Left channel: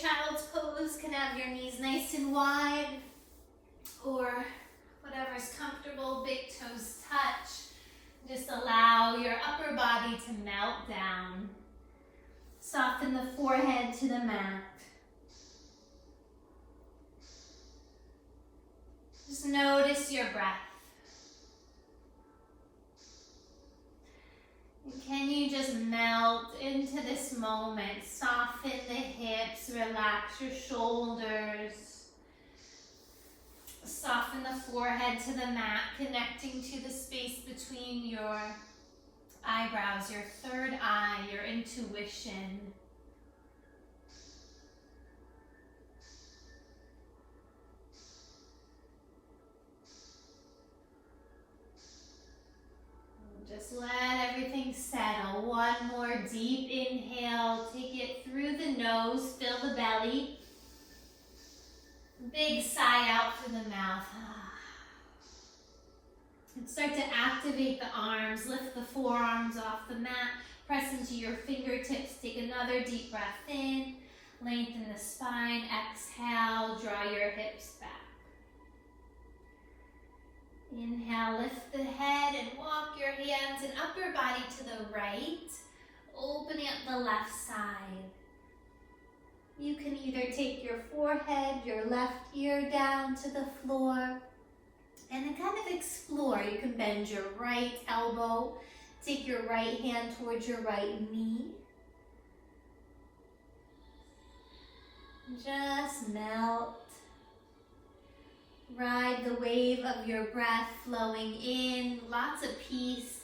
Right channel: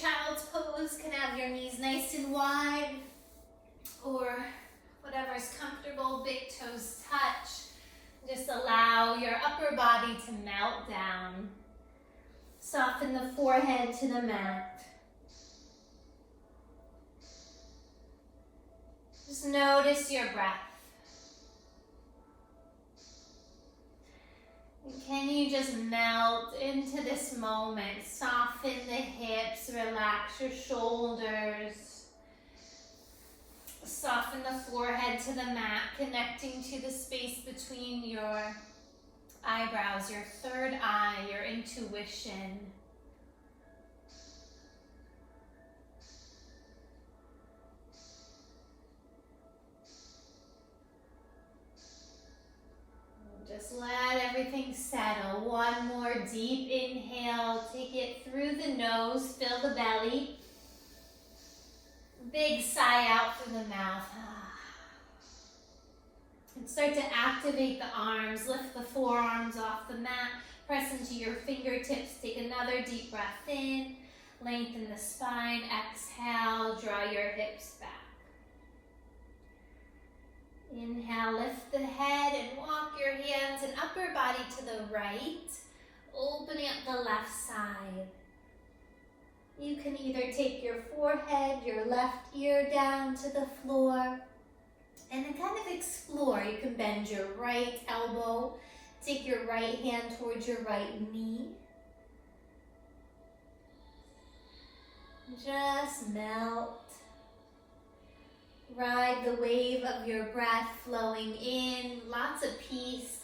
child's pose, can have your knees nice and wide, or whatever is comfortable, big toes touch. Just allow your upper body to melt down. Soften the forehead to the mat. Just notice your breath. And can you just melt into this moment? Soften the hips, relax your shoulders. Soften the forehead to the mat, connecting to the space between your eyebrows, your third eye, your intuition. Just let everything settle. One more deep inhale. Take it through the nose. Fill the belly. Big sigh out through the mouth. And start to activate the arms. Lift the forearms off the mat. Press into your fingertips. Take another deep breath in. Lengthen the spine. Exhale. Draw your hips back. Inhale, lift the head and walk your hands and upper body to the right, opening up the left side. You can either take your forehead, your left ear down to the floor, and then kind of explore. You can bend your right elbow, take your right hand towards your right knee. Just melt. Ride the wave of your breath flowing in, lots of peace.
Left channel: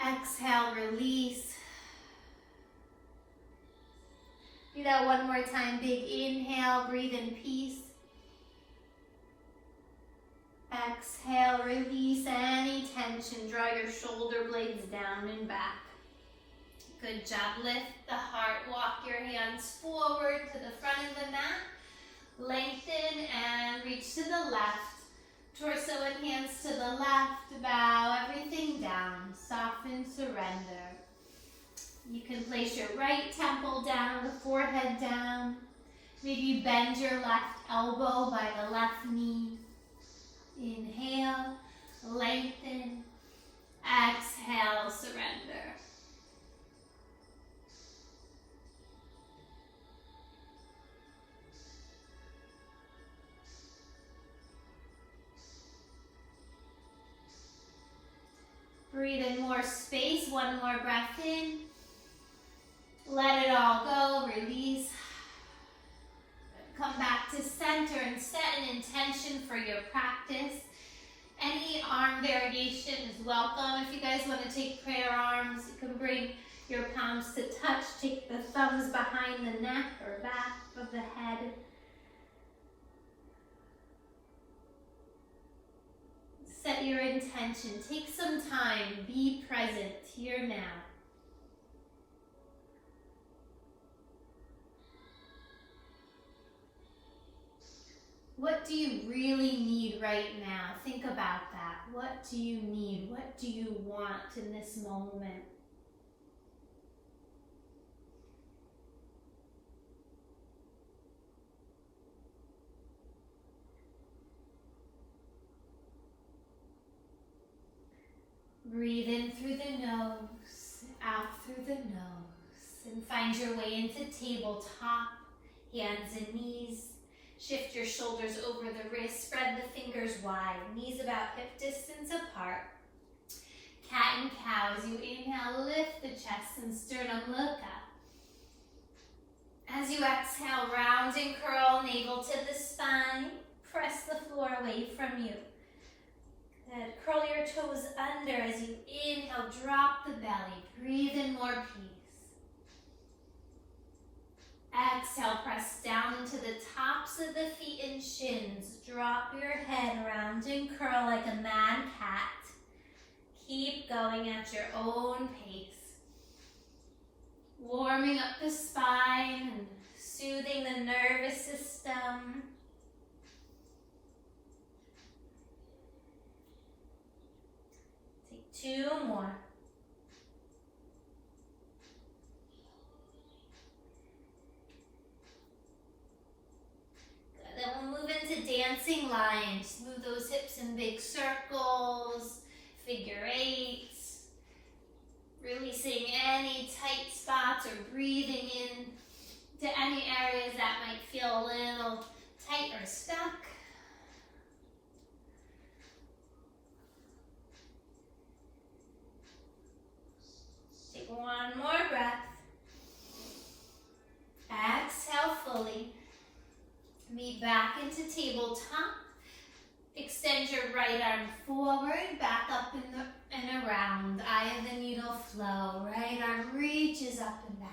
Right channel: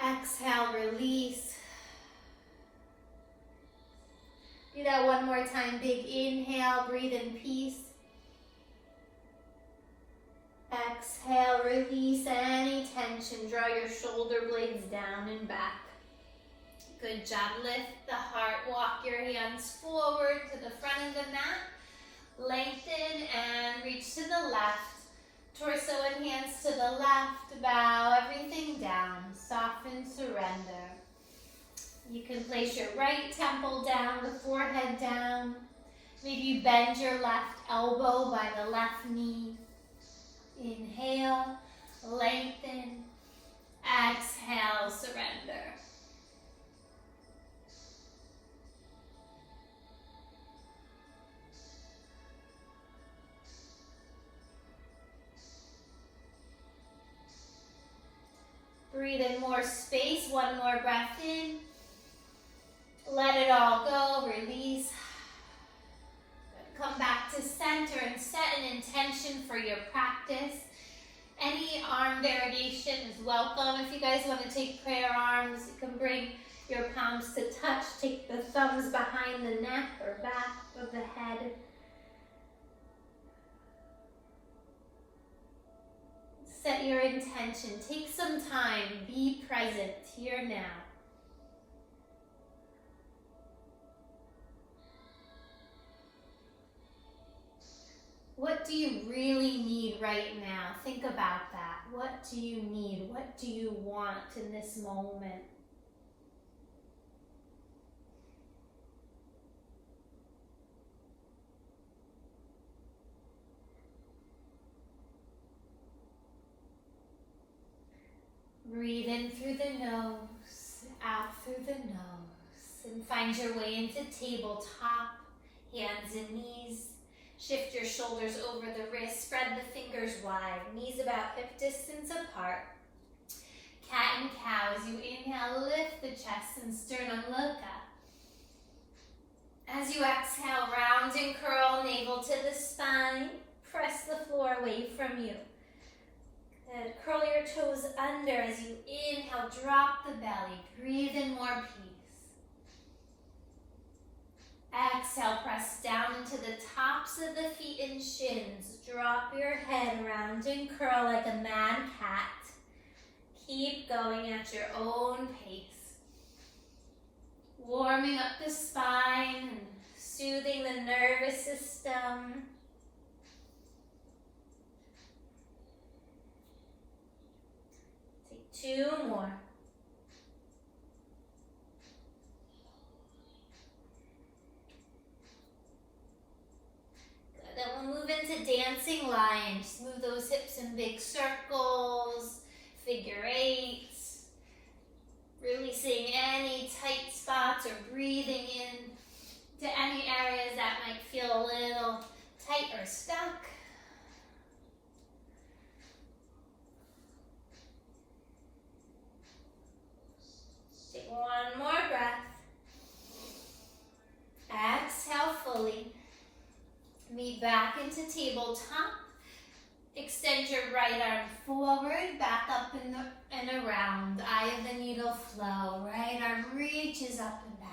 Exhale, release. Do that one more time. Big inhale, breathe in peace. Exhale, release any tension. Draw your shoulder blades down and back. Good job. Lift the heart. Walk your hands forward to the front of the mat. Lengthen and reach to the left. Torso and hands to the left. Bow everything down. Soften, surrender. You can place your right temple down, the forehead down. Maybe you bend your left elbow by the left knee. Inhale, lengthen. Exhale, surrender. Breathe in more space, one more breath in. Let it all go, release. Come back to center and set an intention for your practice. Any arm variation is welcome. If you guys want to take prayer arms, you can bring your palms to touch. Take the thumbs behind the neck or back of the head. Set your intention. Take some time. Be present here now. What do you really need right now? Think about that. What do you need? What do you want in this moment? Breathe in through the nose, out through the nose, and find your way into tabletop, hands and knees. Shift your shoulders over the wrists, spread the fingers wide, knees about hip distance apart. Cat and cow. As you inhale, lift the chest and sternum, look up. As you exhale, round and curl, navel to the spine. Press the floor away from you. Good. Curl your toes under as you inhale, drop the belly. Breathe in more peace. Exhale, press down into the tops of the feet and shins. Drop your head around and curl like a mad cat. Keep going at your own pace. Warming up the spine and soothing the nervous system. Take 2 more. dancing lines. Move those hips in big circles, figure eights. Releasing any tight spots or breathing in to any areas that might feel a little tight or stuck. Take one more breath. Exhale fully. Meet back into tabletop. Extend your right arm forward, back up and around. Eye of the needle flow. Right arm reaches up and back.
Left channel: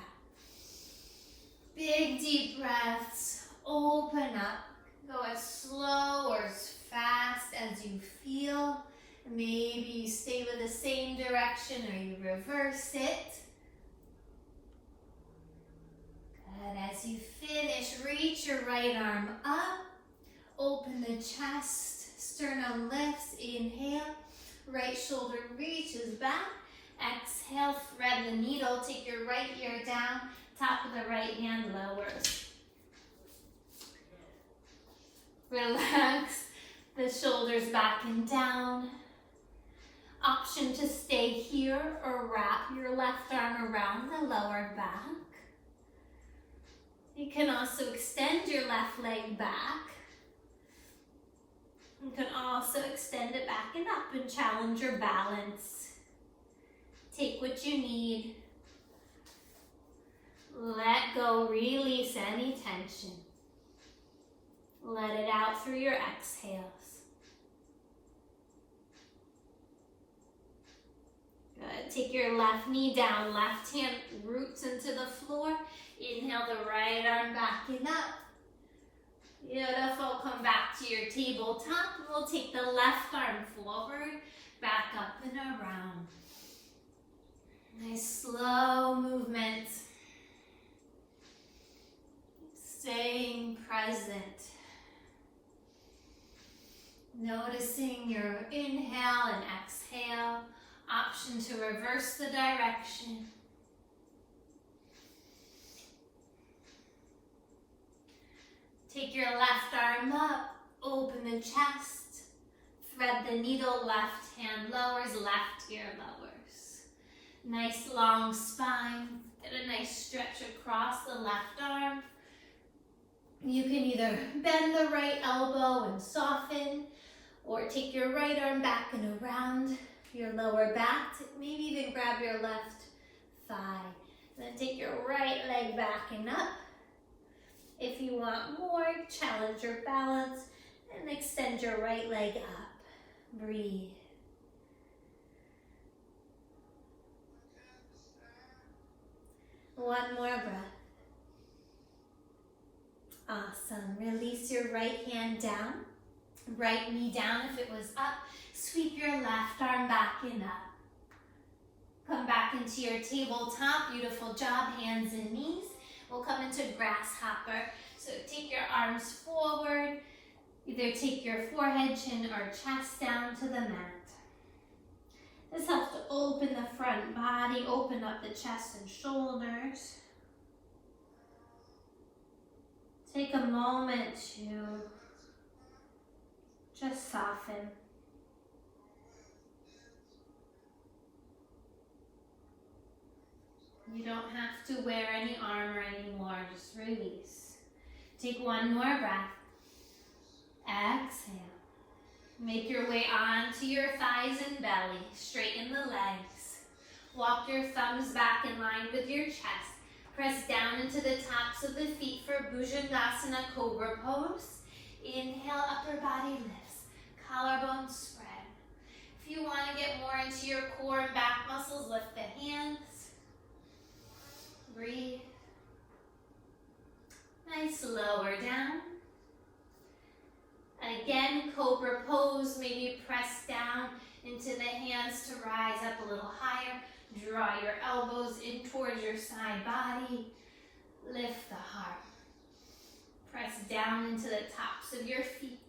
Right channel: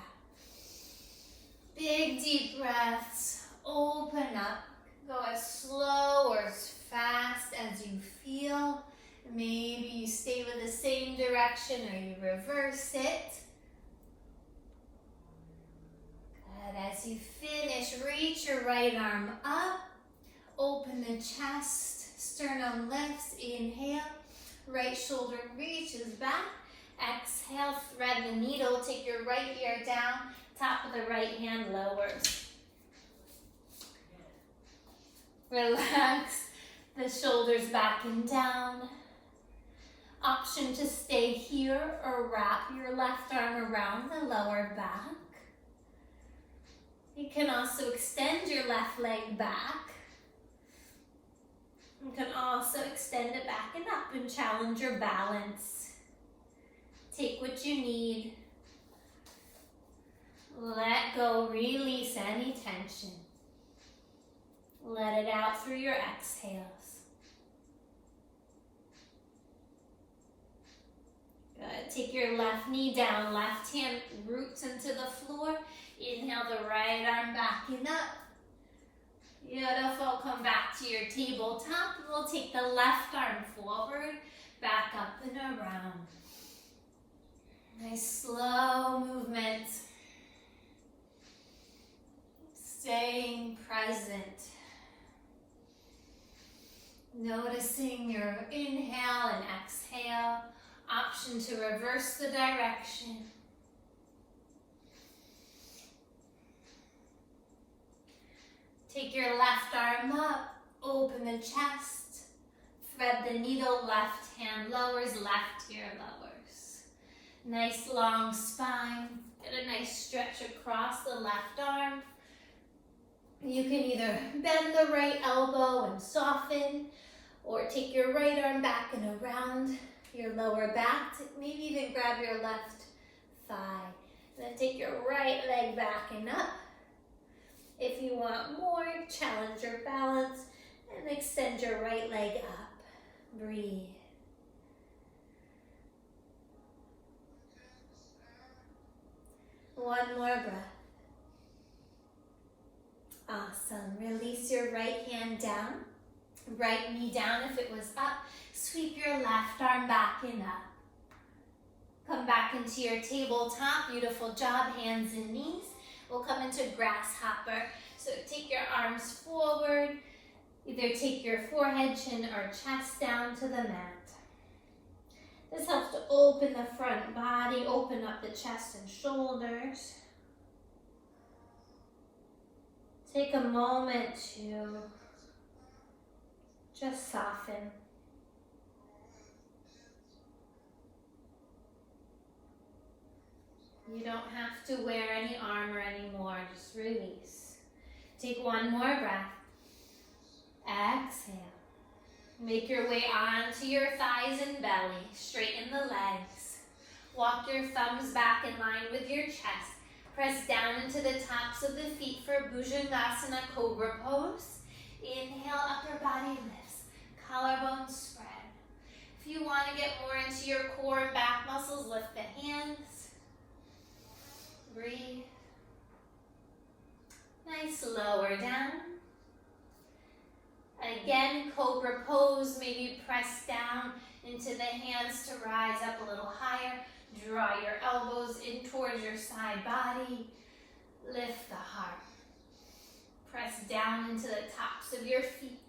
Big deep breaths. Open up. Go as slow or as fast as you feel. Maybe you stay with the same direction or you reverse it. Good. As you finish, reach your right arm up. Open the chest. Sternum lifts. Inhale. Right shoulder reaches back. Exhale. Thread the needle. Take your right ear down. Top of the right hand lowers. Relax the shoulders back and down. Option to stay here or wrap your left arm around the lower back. You can also extend your left leg back. You can also extend it back and up and challenge your balance. Take what you need. Let go, release any tension. Let it out through your exhales. Good. Take your left knee down, left hand roots into the floor. Inhale the right arm back and up. Beautiful. Come back to your tabletop. We'll take the left arm forward, back up and around. Nice slow movement. Staying present. Noticing your inhale and exhale. Option to reverse the direction. Take your left arm up, open the chest, thread the needle, left hand lowers, left ear lowers. Nice long spine, get a nice stretch across the left arm. You can either bend the right elbow and soften, or take your right arm back and around your lower back. Maybe even grab your left thigh. And then take your right leg back and up. If you want more, challenge your balance and extend your right leg up. Breathe. One more breath. Awesome. Release your right hand down. Right knee down if it was up. Sweep your left arm back and up. Come back into your tabletop. Beautiful job. Hands and knees. We'll come into grasshopper. So take your arms forward. Either take your forehead, chin, or chest down to the mat. This helps to open the front body, open up the chest and shoulders. Take a moment to just soften. You don't have to wear any armor anymore, just release. Take one more breath. Exhale. Make your way onto your thighs and belly. Straighten the legs. Walk your thumbs back in line with your chest. Press down into the tops of the feet for Bhujangasana Cobra Pose. Inhale, upper body lifts. Collarbone spread. If you want to get more into your core and back muscles, lift the hands. Breathe. Nice, lower down. Again, Cobra Pose. Maybe press down into the hands to rise up a little higher. Draw your elbows in towards your side body. Lift the heart. Press down into the tops of your feet.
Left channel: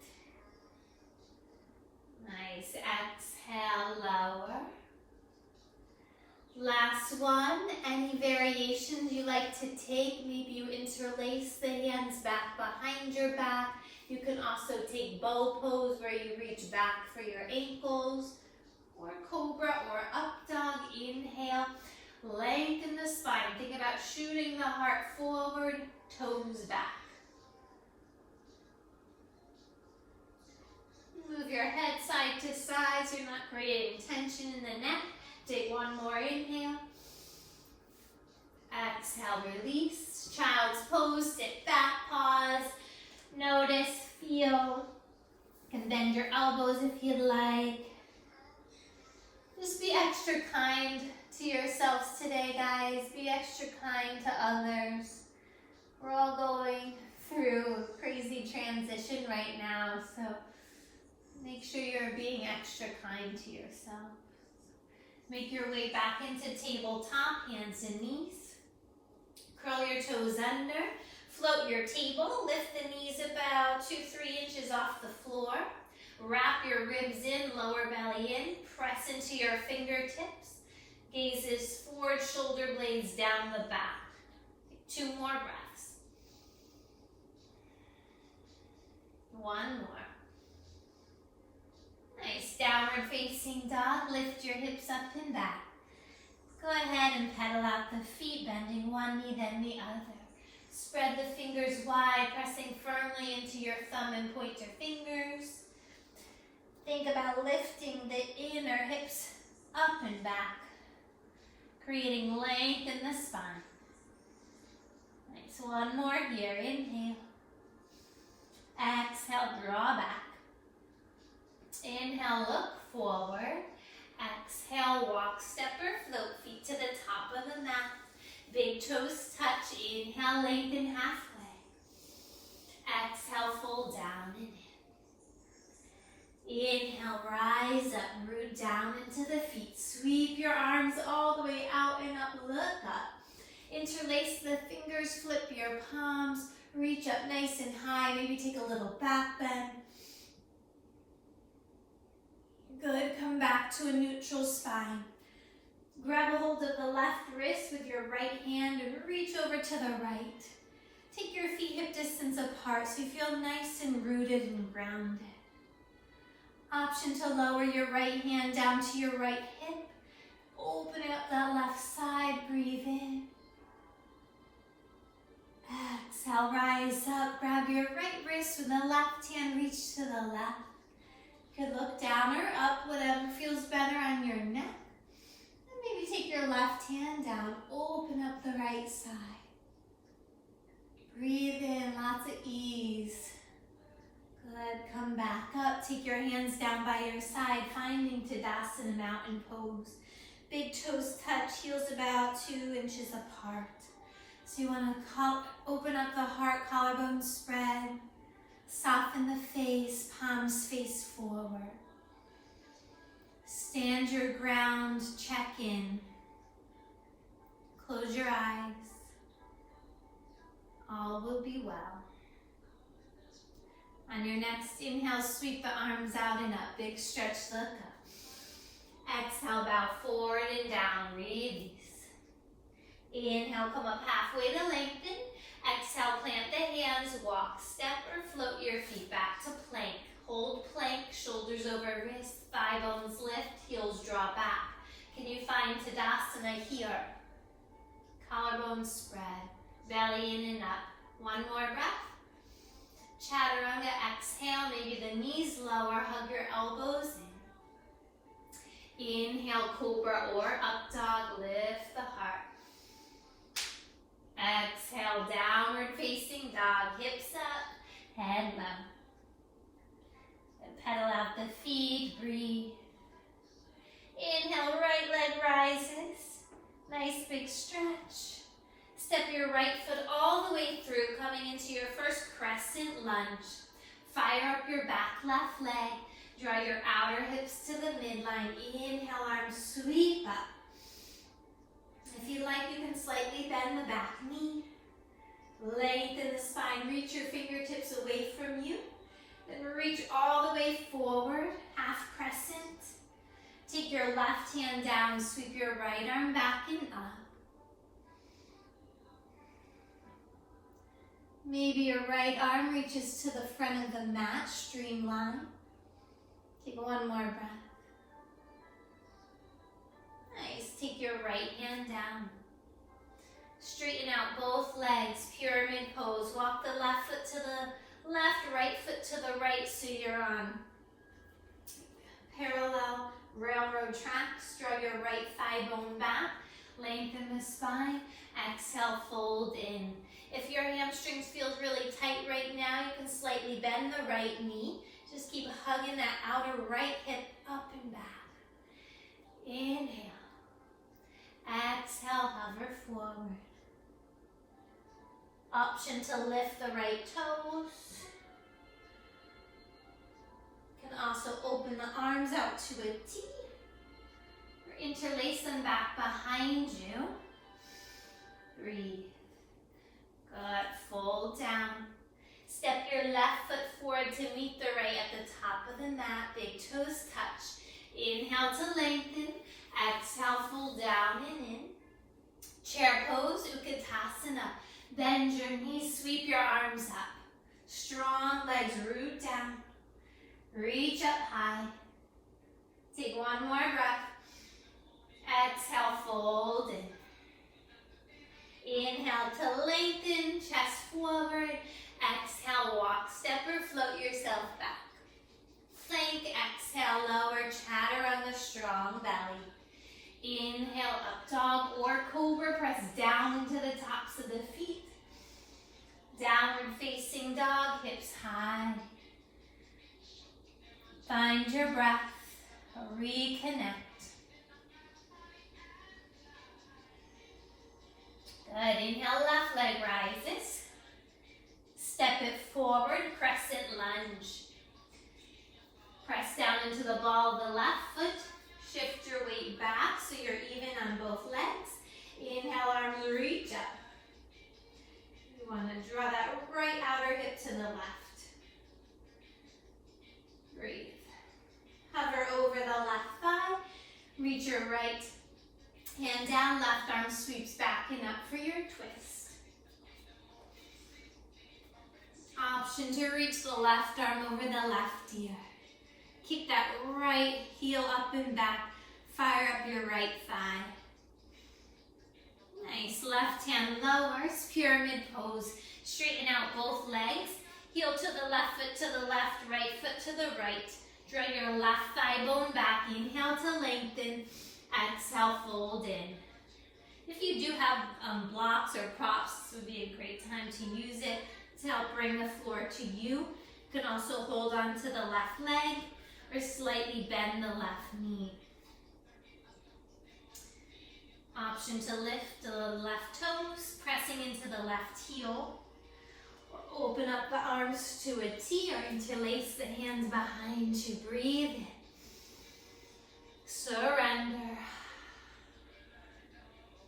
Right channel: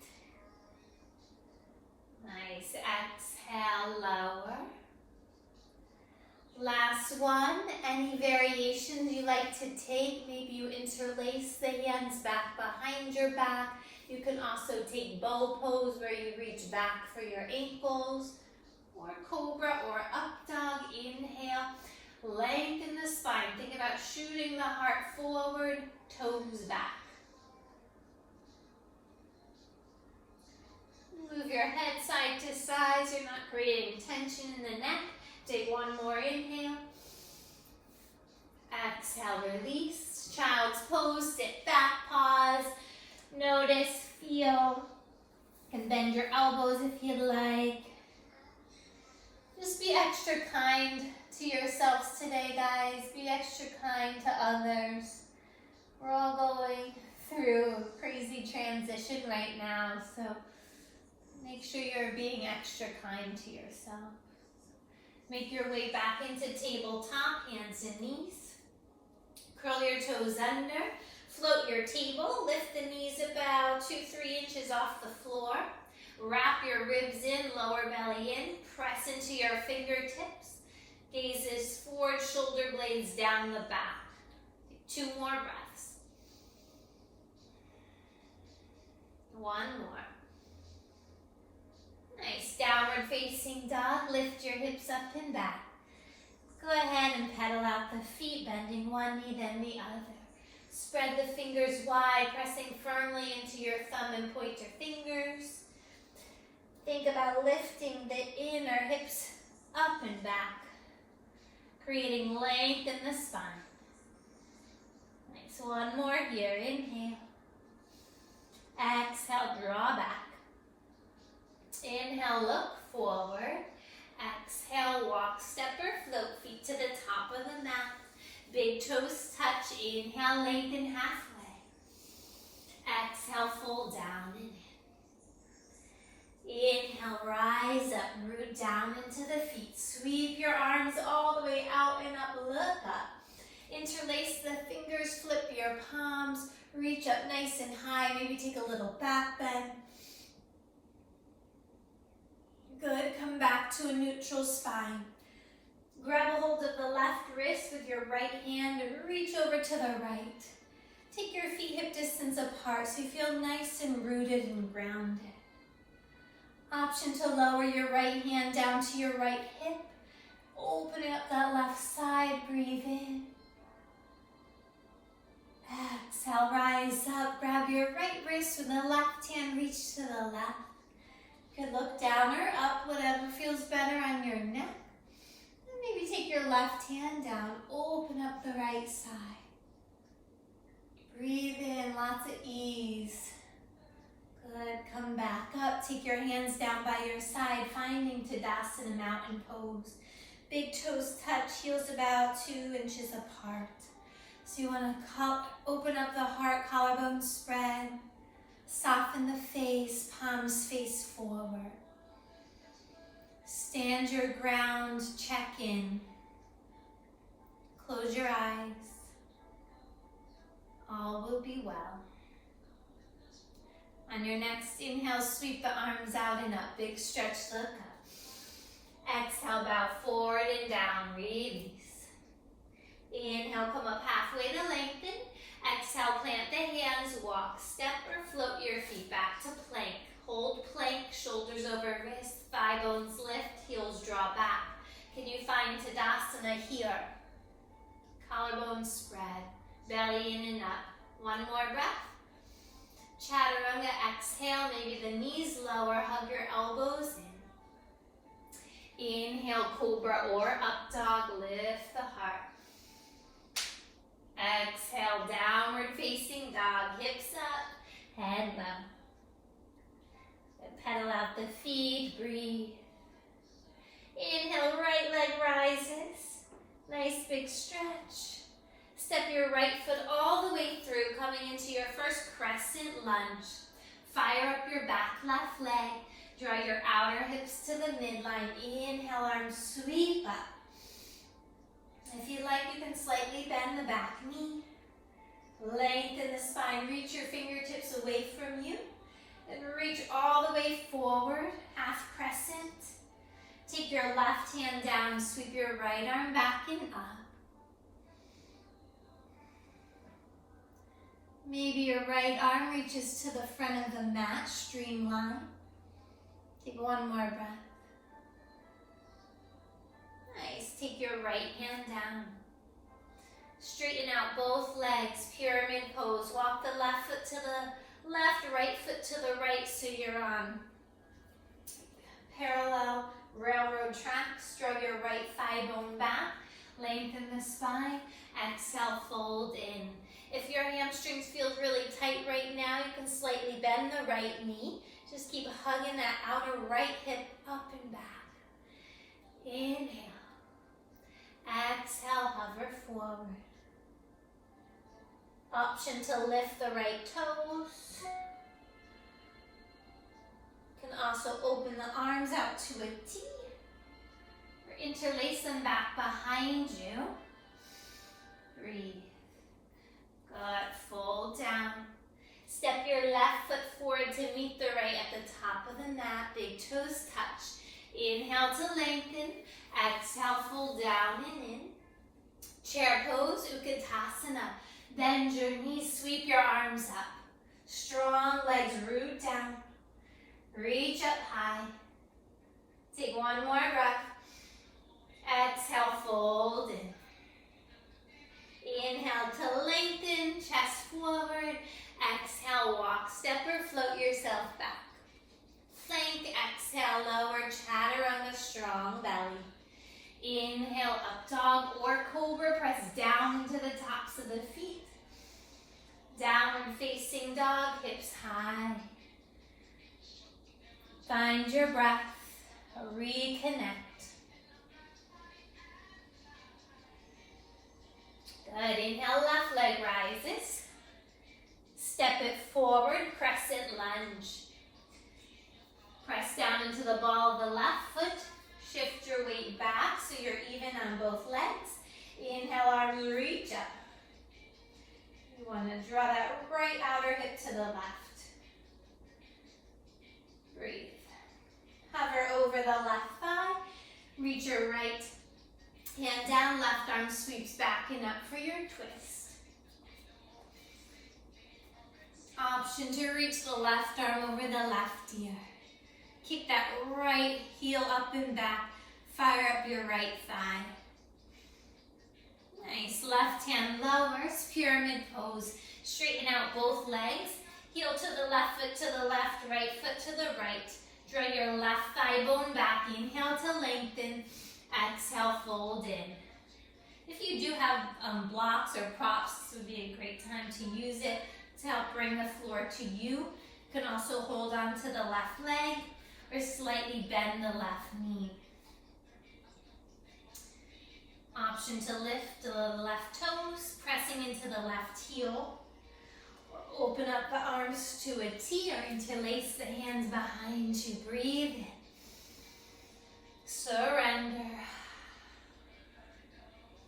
Nice. Exhale, lower. Last one. Any variations you like to take? Maybe you interlace the hands back behind your back. You can also take bow pose where you reach back for your ankles, or cobra or up dog. Inhale, lengthen the spine. Think about shooting the heart forward, toes back. Move your head side to side so you're not creating tension in the neck. Take one more inhale. Exhale, release. Child's pose, sit back, pause. Notice, feel. You can bend your elbows if you'd like. Just be extra kind to yourselves today, guys. Be extra kind to others. We're all going through a crazy transition right now, so make sure you're being extra kind to yourself. Make your way back into tabletop, hands and knees. Curl your toes under. Float your table. Lift the knees about 2-3 inches off the floor. Wrap your ribs in, lower belly in. Press into your fingertips. Gazes forward, shoulder blades down the back. Take 2 more breaths. One more. Nice. Downward facing dog. Lift your hips up and back. Go ahead and pedal out the feet, bending one knee, then the other. Spread the fingers wide, pressing firmly into your thumb and pointer fingers. Think about lifting the inner hips up and back, creating length in the spine. Nice. One more here. Inhale. Exhale, draw back. Inhale, look forward. Exhale, walk, step or float, feet to the top of the mat. Big toes touch. Inhale, lengthen halfway. Exhale, fold down and in. Inhale, rise up, root down into the feet. Sweep your arms all the way out and up, look up. Interlace the fingers, flip your palms, reach up nice and high. Maybe take a little back bend. Good, come back to a neutral spine. Grab a hold of the left wrist with your right hand and reach over to the right. Take your feet hip distance apart so you feel nice and rooted and grounded. Option to lower your right hand down to your right hip. Opening up that left side, breathe in. Exhale, rise up, grab your right wrist with the left hand, reach to the left. You could look down or up, whatever feels better on your neck. And maybe take your left hand down, open up the right side. Breathe in, lots of ease. Good, come back up, take your hands down by your side, finding Tadasana, mountain pose. Big toes touch, heels about 2 inches apart. So you want to open up the heart, collarbone spread. Soften the face, palms face forward. Stand your ground, check in. Close your eyes. All will be well. On your next inhale, sweep the arms out and up. Big stretch, look up. Exhale, bow forward and down, release. Inhale, come up halfway to lengthen. Exhale, plant the hands, walk, step or float your feet back to plank. Hold plank, shoulders over wrist, thigh bones lift, heels draw back. Can you find Tadasana here? Collarbones spread, belly in and up. One more breath. Chaturanga, exhale, maybe the knees lower, hug your elbows in. Inhale, cobra or up dog, lift the heart. Exhale, downward facing dog, hips up, head low. Then pedal out the feet, breathe. Inhale, right leg rises. Nice big stretch. Step your right foot all the way through, coming into your first crescent lunge. Fire up your back left leg. Draw your outer hips to the midline. Inhale, arms sweep up. If you like, you can slightly bend the back knee. Lengthen the spine. Reach your fingertips away from you. Then reach all the way forward, half crescent. Take your left hand down, sweep your right arm back and up. Maybe your right arm reaches to the front of the mat, streamline. Take one more breath. Nice. Take your right hand down. Straighten out both legs, pyramid pose. Walk the left foot to the left, right foot to the right so you're on parallel railroad tracks. Draw your right thigh bone back. Lengthen the spine. Exhale, fold in. If your hamstrings feel really tight right now, you can slightly bend the right knee. Just keep hugging that outer right hip up and back. Inhale. Exhale, hover forward. Option to lift the right toes. You can also open the arms out to a T. Or interlace them back behind you. Breathe. Good. Fold down. Step your left foot forward to meet the right at the top of the mat. Big toes touch. Inhale to lengthen. Exhale, fold down and in. Chair pose, Utkatasana. Bend your knees, sweep your arms up. Strong legs, root down. Reach up high. Take one more breath. Exhale, fold in. Inhale to lengthen, chest forward. Exhale, walk, step or float yourself back. Plank, exhale, lower, chatter on the strong belly. Inhale, up dog or cobra, press down into the tops of the feet. Downward facing dog, hips high. Find your breath, reconnect. Good, inhale, left leg rises. Step it forward, crescent lunge. Press down into the ball of the left foot. Shift your weight back so you're even on both legs. Inhale, arms reach up. You want to draw that right outer hip to the left. Breathe. Hover over the left thigh. Reach your right hand down, left arm sweeps back and up for your twist. Option to reach the left arm over the left ear. Kick that right heel up and back. Fire up your right thigh. Nice. Left hand lowers, pyramid pose. Straighten out both legs. Heel to the left, foot to the left, right foot to the right. Draw your left thigh bone back. Inhale to lengthen. Exhale, fold in. If you do have blocks or props, this would be a great time to use it to help bring the floor to you. You can also hold on to the left leg or slightly bend the left knee. Option to lift the left toes, pressing into the left heel. Or open up the arms to a T or interlace the hands behind you. Breathe in. Surrender.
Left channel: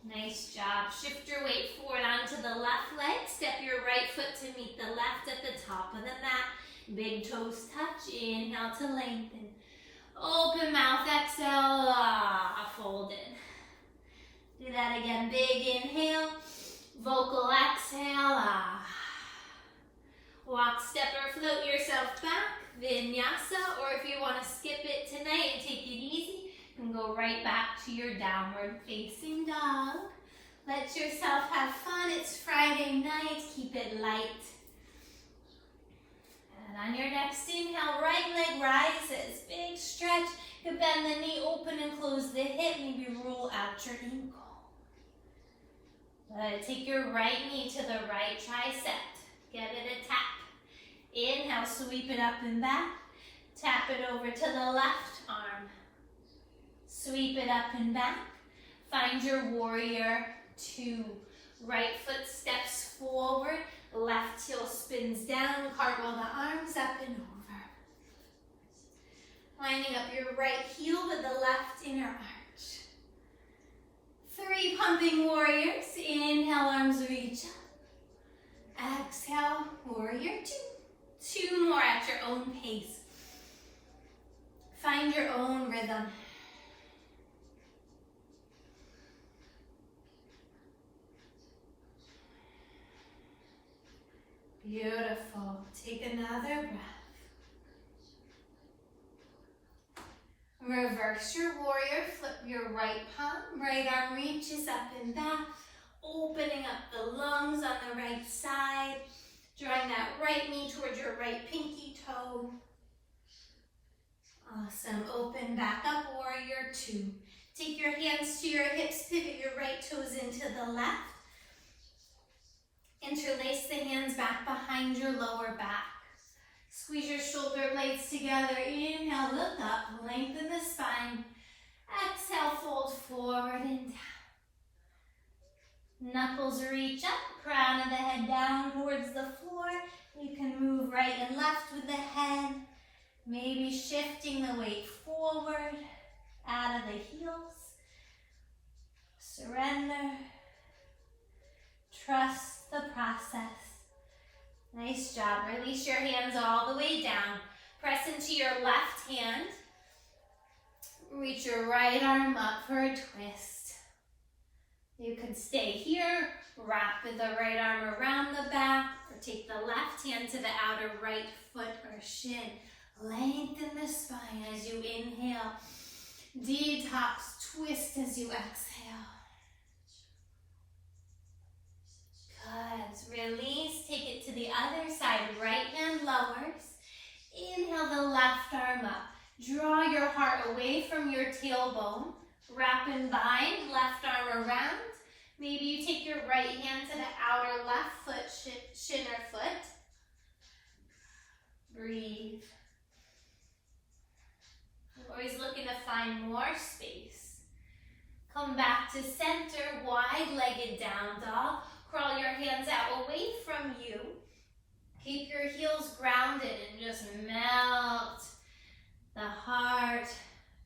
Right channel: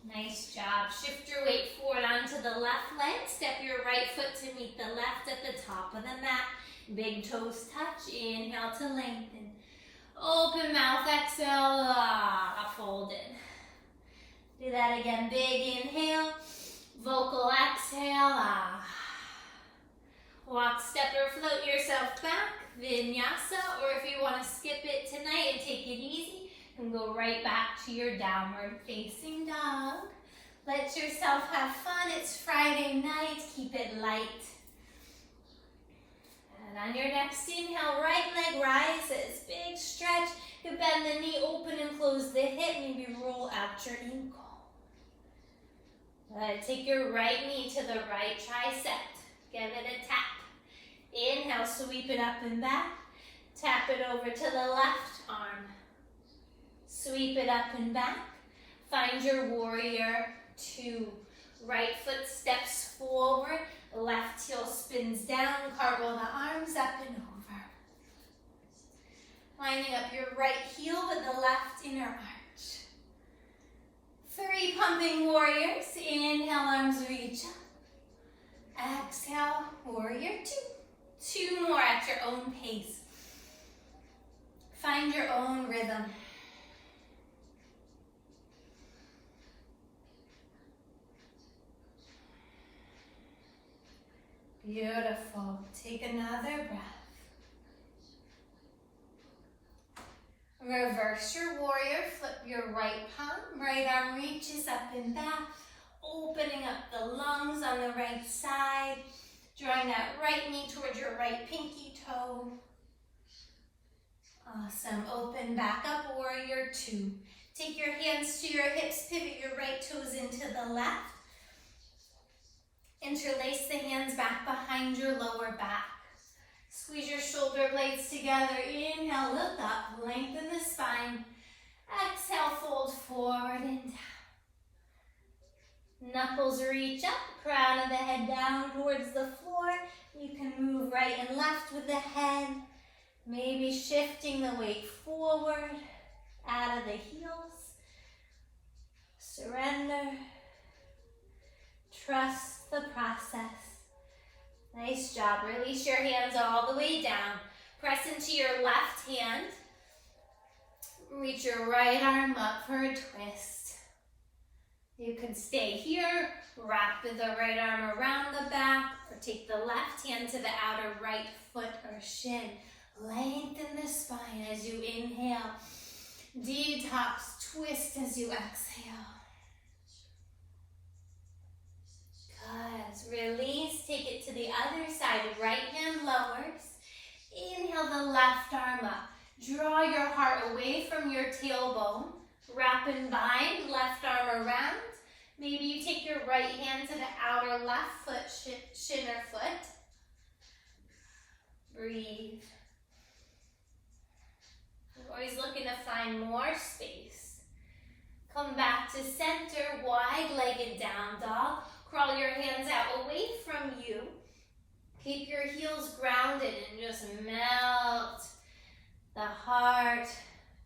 Nice job. Shift your weight forward onto the left leg. Step your right foot to meet the left at the top of the mat. Big toes touch. Inhale to lengthen. Open mouth. Exhale. Fold in. Do that again. Big inhale. Vocal exhale. Walk, step, or float yourself back. Vinyasa. Or if you want to skip it tonight and take it easy, and go right back to your downward facing dog. Let yourself have fun. It's Friday night. Keep it light. And on your next inhale, right leg rises. Big stretch. You bend the knee, open and close the hip. Maybe roll out your ankle. Take your right knee to the right tricep. Give it a tap. Inhale, sweep it up and back. Tap it over to the left arm. Sweep it up and back. Find your warrior two. Right foot steps forward. Left heel spins down. Cartwheel the arms up and over. Lining up your right heel with the left inner arch. 3 pumping warriors. Inhale, arms reach up. Exhale, warrior two. 2 more at your own pace. Find your own rhythm. Beautiful. Take another breath. Reverse your warrior. Flip your right palm. Right arm reaches up and back. Opening up the lungs on the right side. Drawing that right knee towards your right pinky toe. Awesome. Open back up, warrior two. Take your hands to your hips. Pivot your right toes into the left. Interlace the hands back behind your lower back. Squeeze your shoulder blades together. Inhale, look up, lengthen the spine. Exhale, fold forward and down. Knuckles reach up, crown of the head down towards the floor. You can move right and left with the head. Maybe shifting the weight forward, out of the heels. Surrender. Trust the process. Nice job. Release your hands all the way down. Press into your left hand. Reach your right arm up for a twist. You can stay here, wrap the right arm around the back, or take the left hand to the outer right foot or shin. Lengthen the spine as you inhale. Detox, twist as you exhale. Good. Release, take it to the other side. Right hand lowers. Inhale the left arm up. Draw your heart away from your tailbone. Wrap and bind, left arm around. Maybe you take your right hand to the outer left foot, shin or foot. Breathe. We're always looking to find more space. Come back to center, wide-legged down dog. Crawl your hands out away from you. Keep your heels grounded and just melt the heart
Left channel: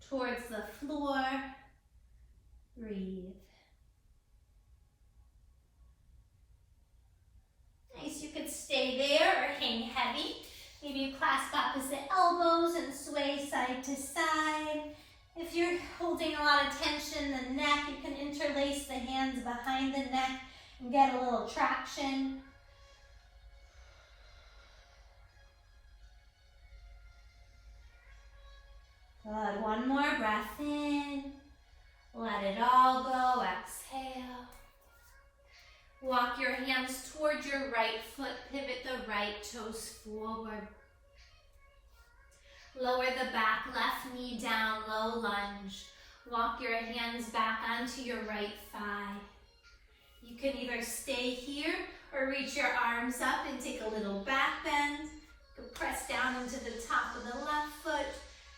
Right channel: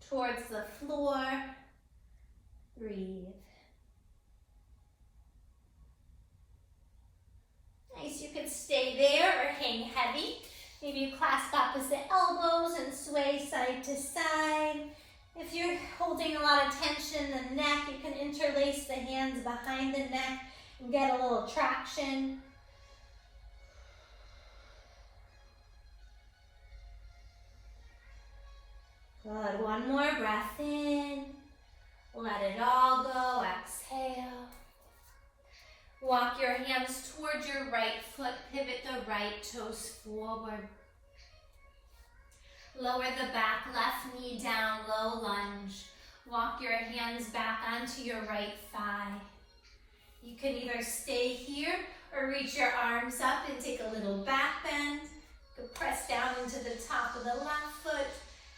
towards the floor. Breathe. Nice, you could stay there or hang heavy. Maybe you clasp opposite elbows and sway side to side. If you're holding a lot of tension in the neck, you can interlace the hands behind the neck and get a little traction. Good, one more breath in. Let it all go, exhale. Walk your hands towards your right foot, pivot the right toes forward. Lower the back, left knee down, low lunge. Walk your hands back onto your right thigh. You can either stay here or reach your arms up and take a little back bend. You can press down into the top of the left foot.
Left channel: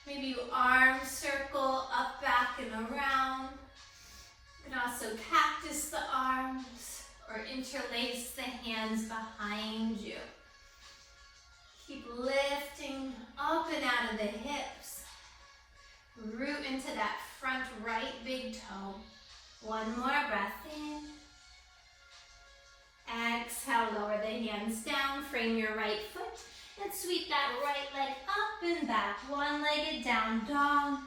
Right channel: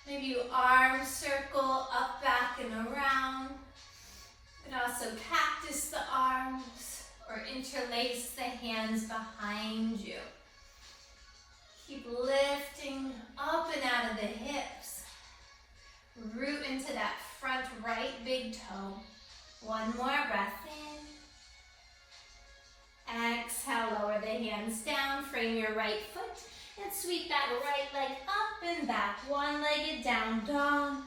Maybe you arm circle up, back, and around. You can also cactus the arms or interlace the hands behind you. Keep lifting up and out of the hips. Root into that front right big toe. One more breath in. Exhale, lower the hands down, frame your right foot, and sweep that right leg up and back. One-legged down dog.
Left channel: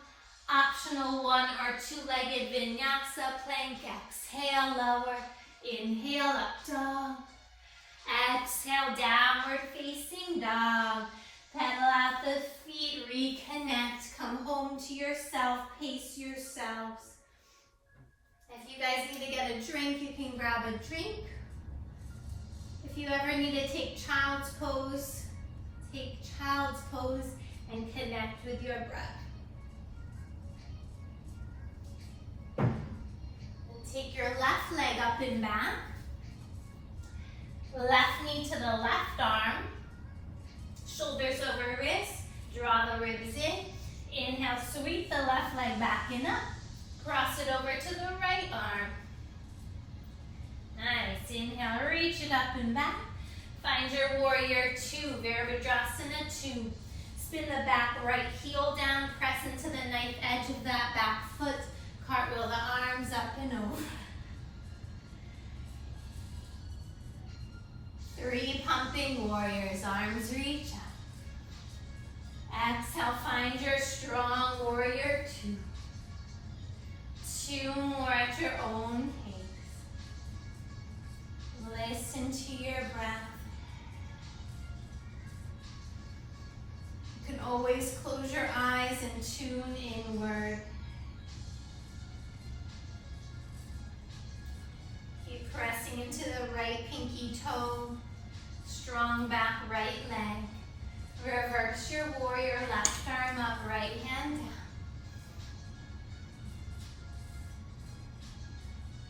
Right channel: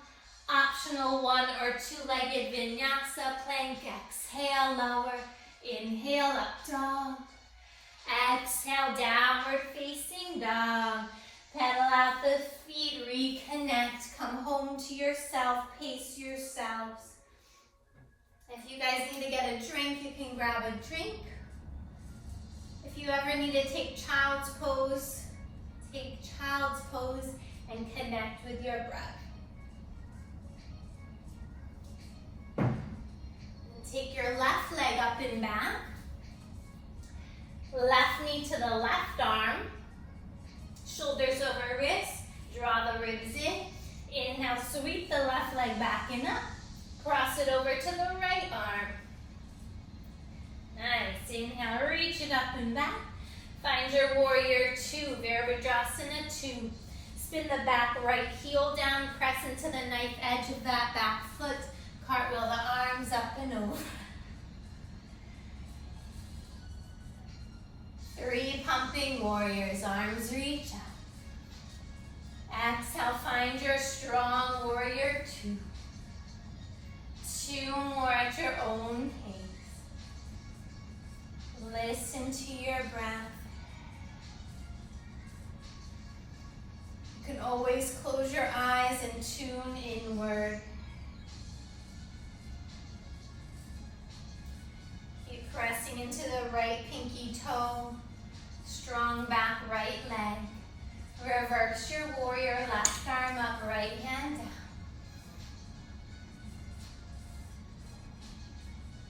Optional one or two-legged vinyasa plank. Exhale, lower. Inhale, up dog. Exhale, downward facing dog. Pedal out the feet, reconnect. Come home to yourself, pace yourselves. If you guys need to get a drink, you can grab a drink. If you ever need to take child's pose, take child's pose and connect with your breath. And take your left leg up and back. Left knee to the left arm. Shoulders over wrists. Draw the ribs in. Inhale, sweep the left leg back and up. Cross it over to the right arm. Nice. Inhale, reach it up and back. Find your warrior two, Virabhadrasana 2. Spin the back right heel down, press into the knife edge of that back foot. Cartwheel the arms up and over. 3 pumping warriors, arms reach up. Exhale, find your strong warrior 2. 2 more at your own pace. Listen to your breath. You can always close your eyes and tune inward. Keep pressing into the right pinky toe. Strong back right leg. Reverse your warrior, left arm up, right hand down.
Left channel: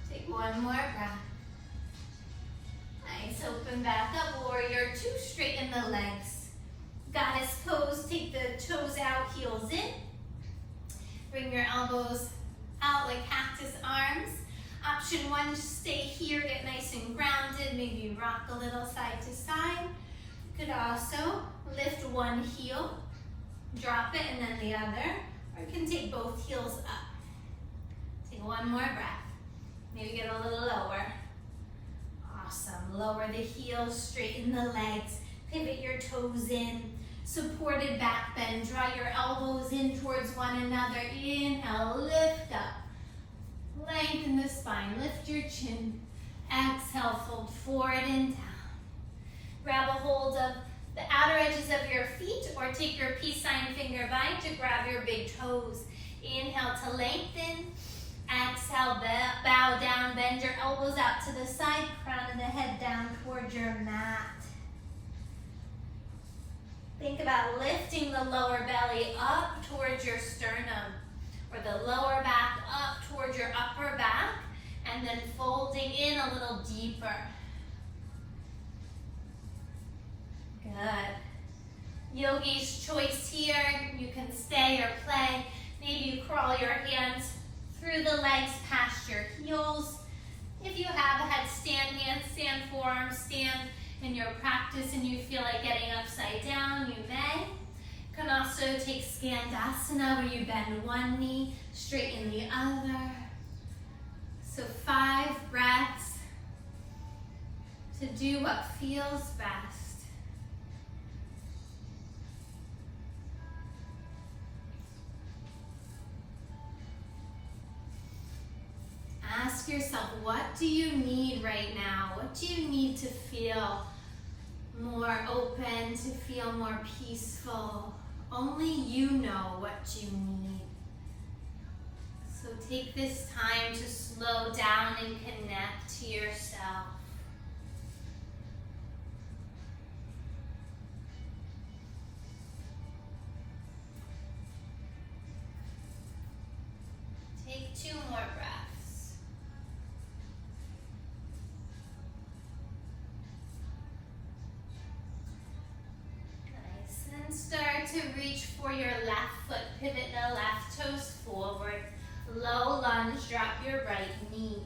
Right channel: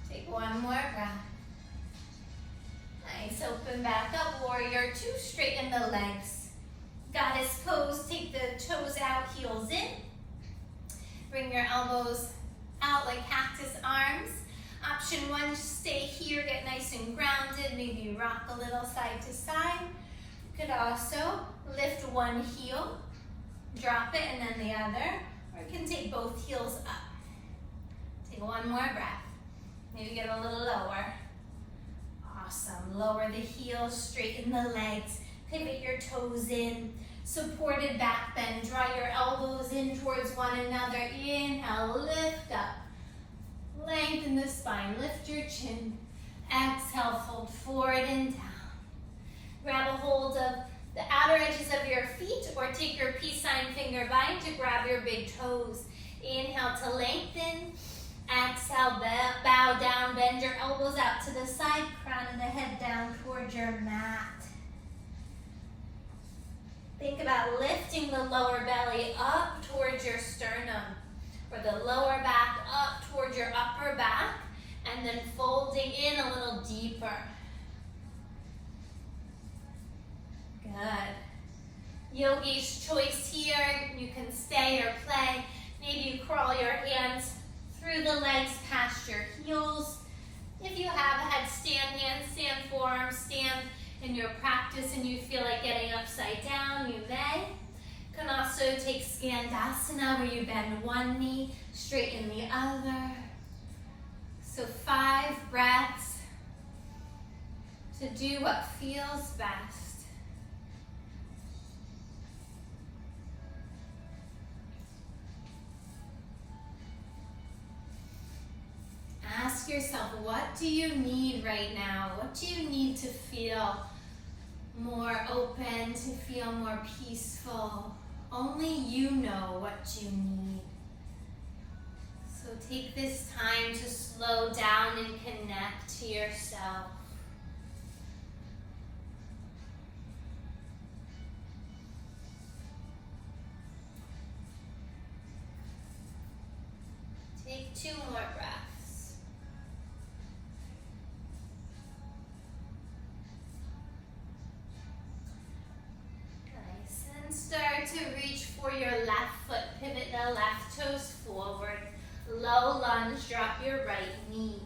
Take one more breath. Nice, open back up, warrior two, straighten the legs. Goddess pose, take the toes out, heels in. Bring your elbows out like cactus arms. Option one, just stay here, get nice and grounded, maybe rock a little side to side. You could also lift one heel, drop it, and then the other, or you can take both heels up. Take one more breath. Maybe get a little lower. Awesome. Lower the heels, straighten the legs, pivot your toes in, supported back bend. Draw your elbows in towards one another. Inhale, lift up. Lengthen the spine, lift your chin. Exhale, fold forward and down. Grab a hold of the outer edges of your feet or take your peace sign finger bind to grab your big toes. Inhale to lengthen. Exhale, bow down, bend your elbows out to the side, crown of the head down towards your mat. Think about lifting the lower belly up towards your sternum, or the lower back up towards your upper back, and then folding in a little deeper. Good. Yogi's choice here. You can stay or play. Maybe you crawl your hands through the legs past your heels. If you have a headstand, handstand, forearm stand in your practice and you feel like getting upside down, you may. You can also take Skandasana where you bend one knee, straighten the other. So 5 breaths to do what feels best. Ask yourself, what do you need right now? What do you need to feel more open, to feel more peaceful? Only you know what you need. So take this time to slow down and connect to yourself. Take 2 more breaths. Start to reach for your left foot. Pivot the left toes forward. Low lunge, drop your right knee.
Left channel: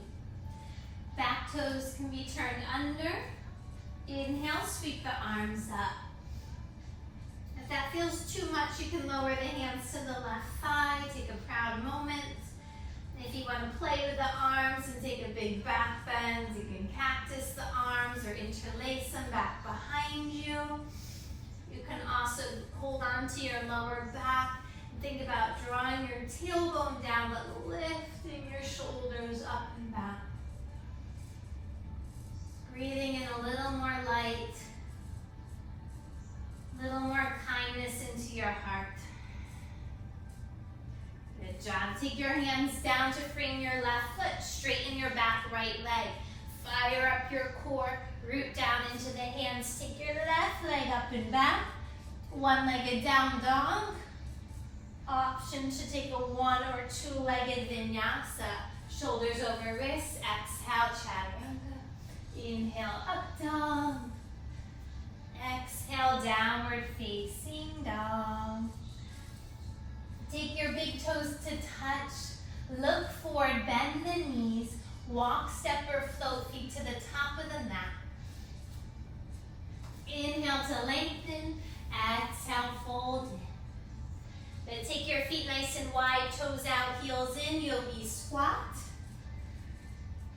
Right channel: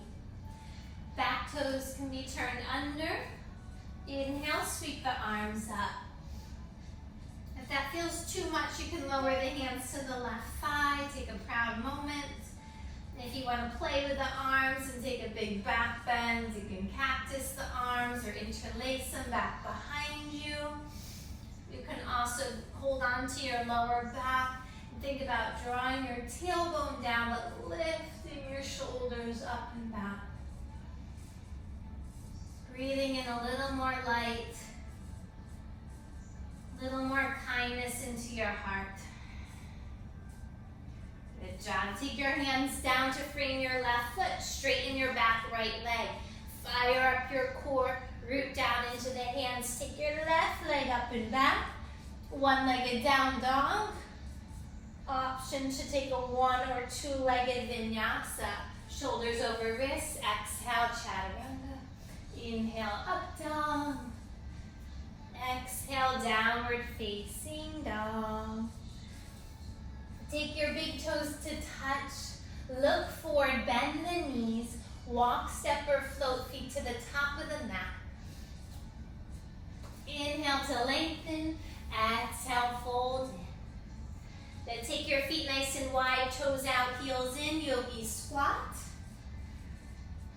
Back toes can be turned under. Inhale, sweep the arms up. If that feels too much, you can lower the hands to the left thigh. Take a proud moment. If you want to play with the arms and take a big back bend, you can cactus the arms or interlace them back behind you. You can also hold on to your lower back and think about drawing your tailbone down but lifting your shoulders up and back. Breathing in a little more light, a little more kindness into your heart. Good job. Take your hands down to frame your left foot. Straighten your back right leg. Fire up your core. Root down into the hands. Take your left leg up and back. One-legged down dog. Option to take a 1 or 2-legged vinyasa. Shoulders over wrists. Exhale, chaturanga. Inhale, up dog. Exhale, downward facing dog. Take your big toes to touch. Look forward, bend the knees. Walk, step, or float feet to the top of the mat. Inhale to lengthen. Exhale, fold in. Then take your feet nice and wide, toes out, heels in, yogi squat.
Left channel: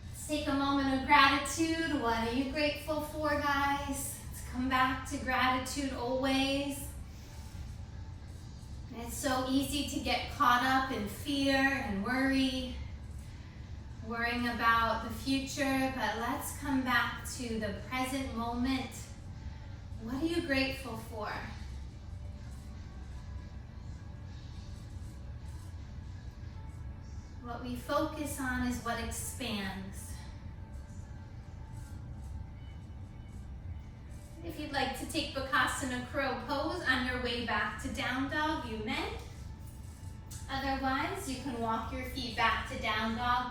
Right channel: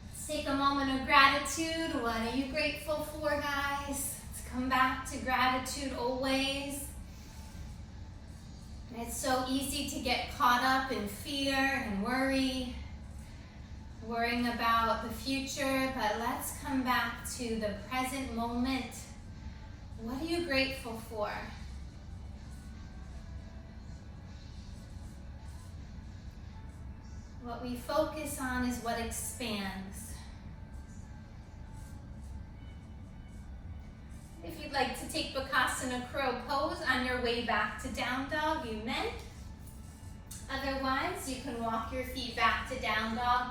Let's take a moment of gratitude. What are you grateful for, guys? Let's come back to gratitude always. And it's so easy to get caught up in fear and worry, worrying about the future, but let's come back to the present moment. What are you grateful for? What we focus on is what expands. If you'd like to take Bakasana Crow pose on your way back to Down Dog, you may. Otherwise, you can walk your feet back to Down Dog.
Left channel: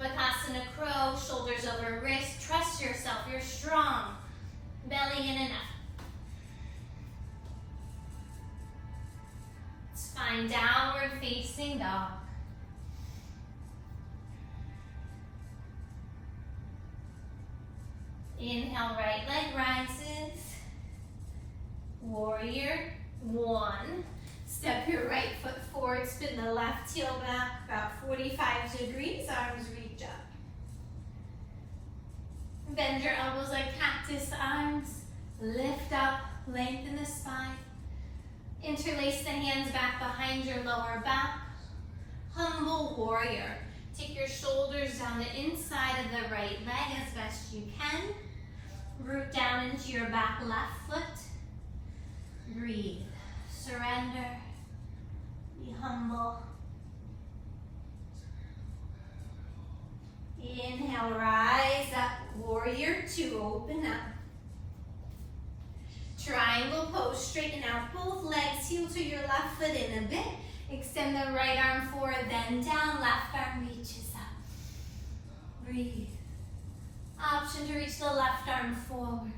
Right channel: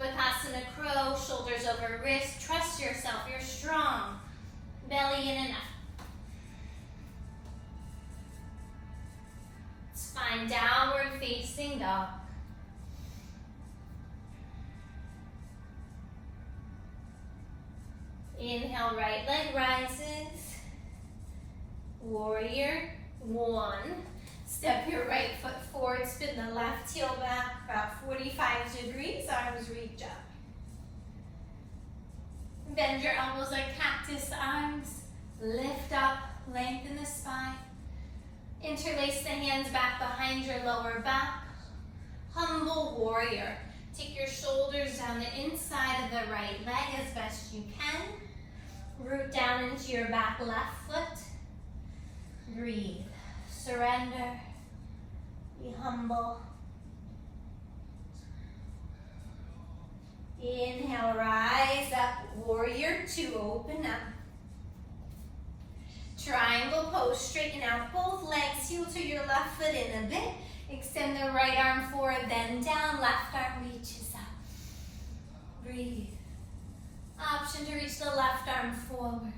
Bakasana Crow, shoulders over wrist. Trust yourself, you're strong. Belly in and up. Spine downward facing dog. Inhale, right leg rises. Warrior one. Step your right foot forward, spin the left heel back about 45 degrees, arms reach up. Bend your elbows like cactus arms, lift up, lengthen the spine. Interlace the hands back behind your lower back. Humble warrior. Take your shoulders down the inside of the right leg as best you can. Root down into your back left foot. Breathe. Surrender. Be humble. Inhale, rise up. Warrior two, open up. Triangle pose, straighten out both legs, heel to your left foot in a bit. Extend the right arm forward, then down, left arm reaches up. Breathe. Option to reach the left arm forward.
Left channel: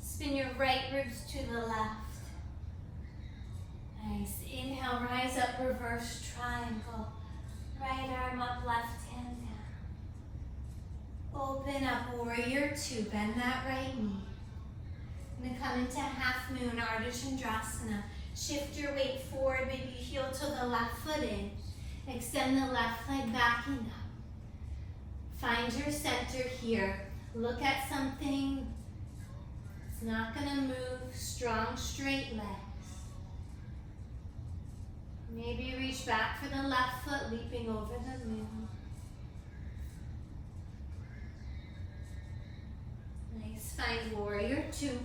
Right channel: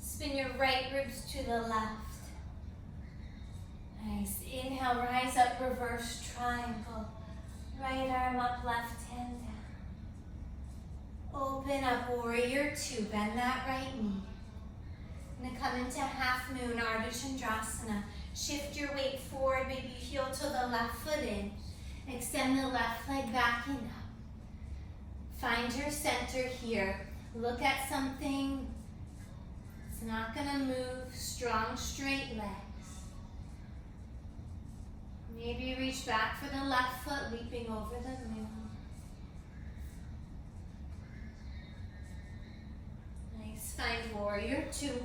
Spin your right ribs to the left. Nice. Inhale, rise up, reverse triangle. Right arm up, left hand down. Open up, warrior two. Bend that right knee. I'm gonna come into half moon, Ardha Chandrasana. Shift your weight forward, maybe heel to the left foot in. Extend the left leg back and up. Find your center here. Look at something. It's not gonna move. Strong, straight legs. Maybe reach back for the left foot, leaping over the moon. Nice. Find warrior two.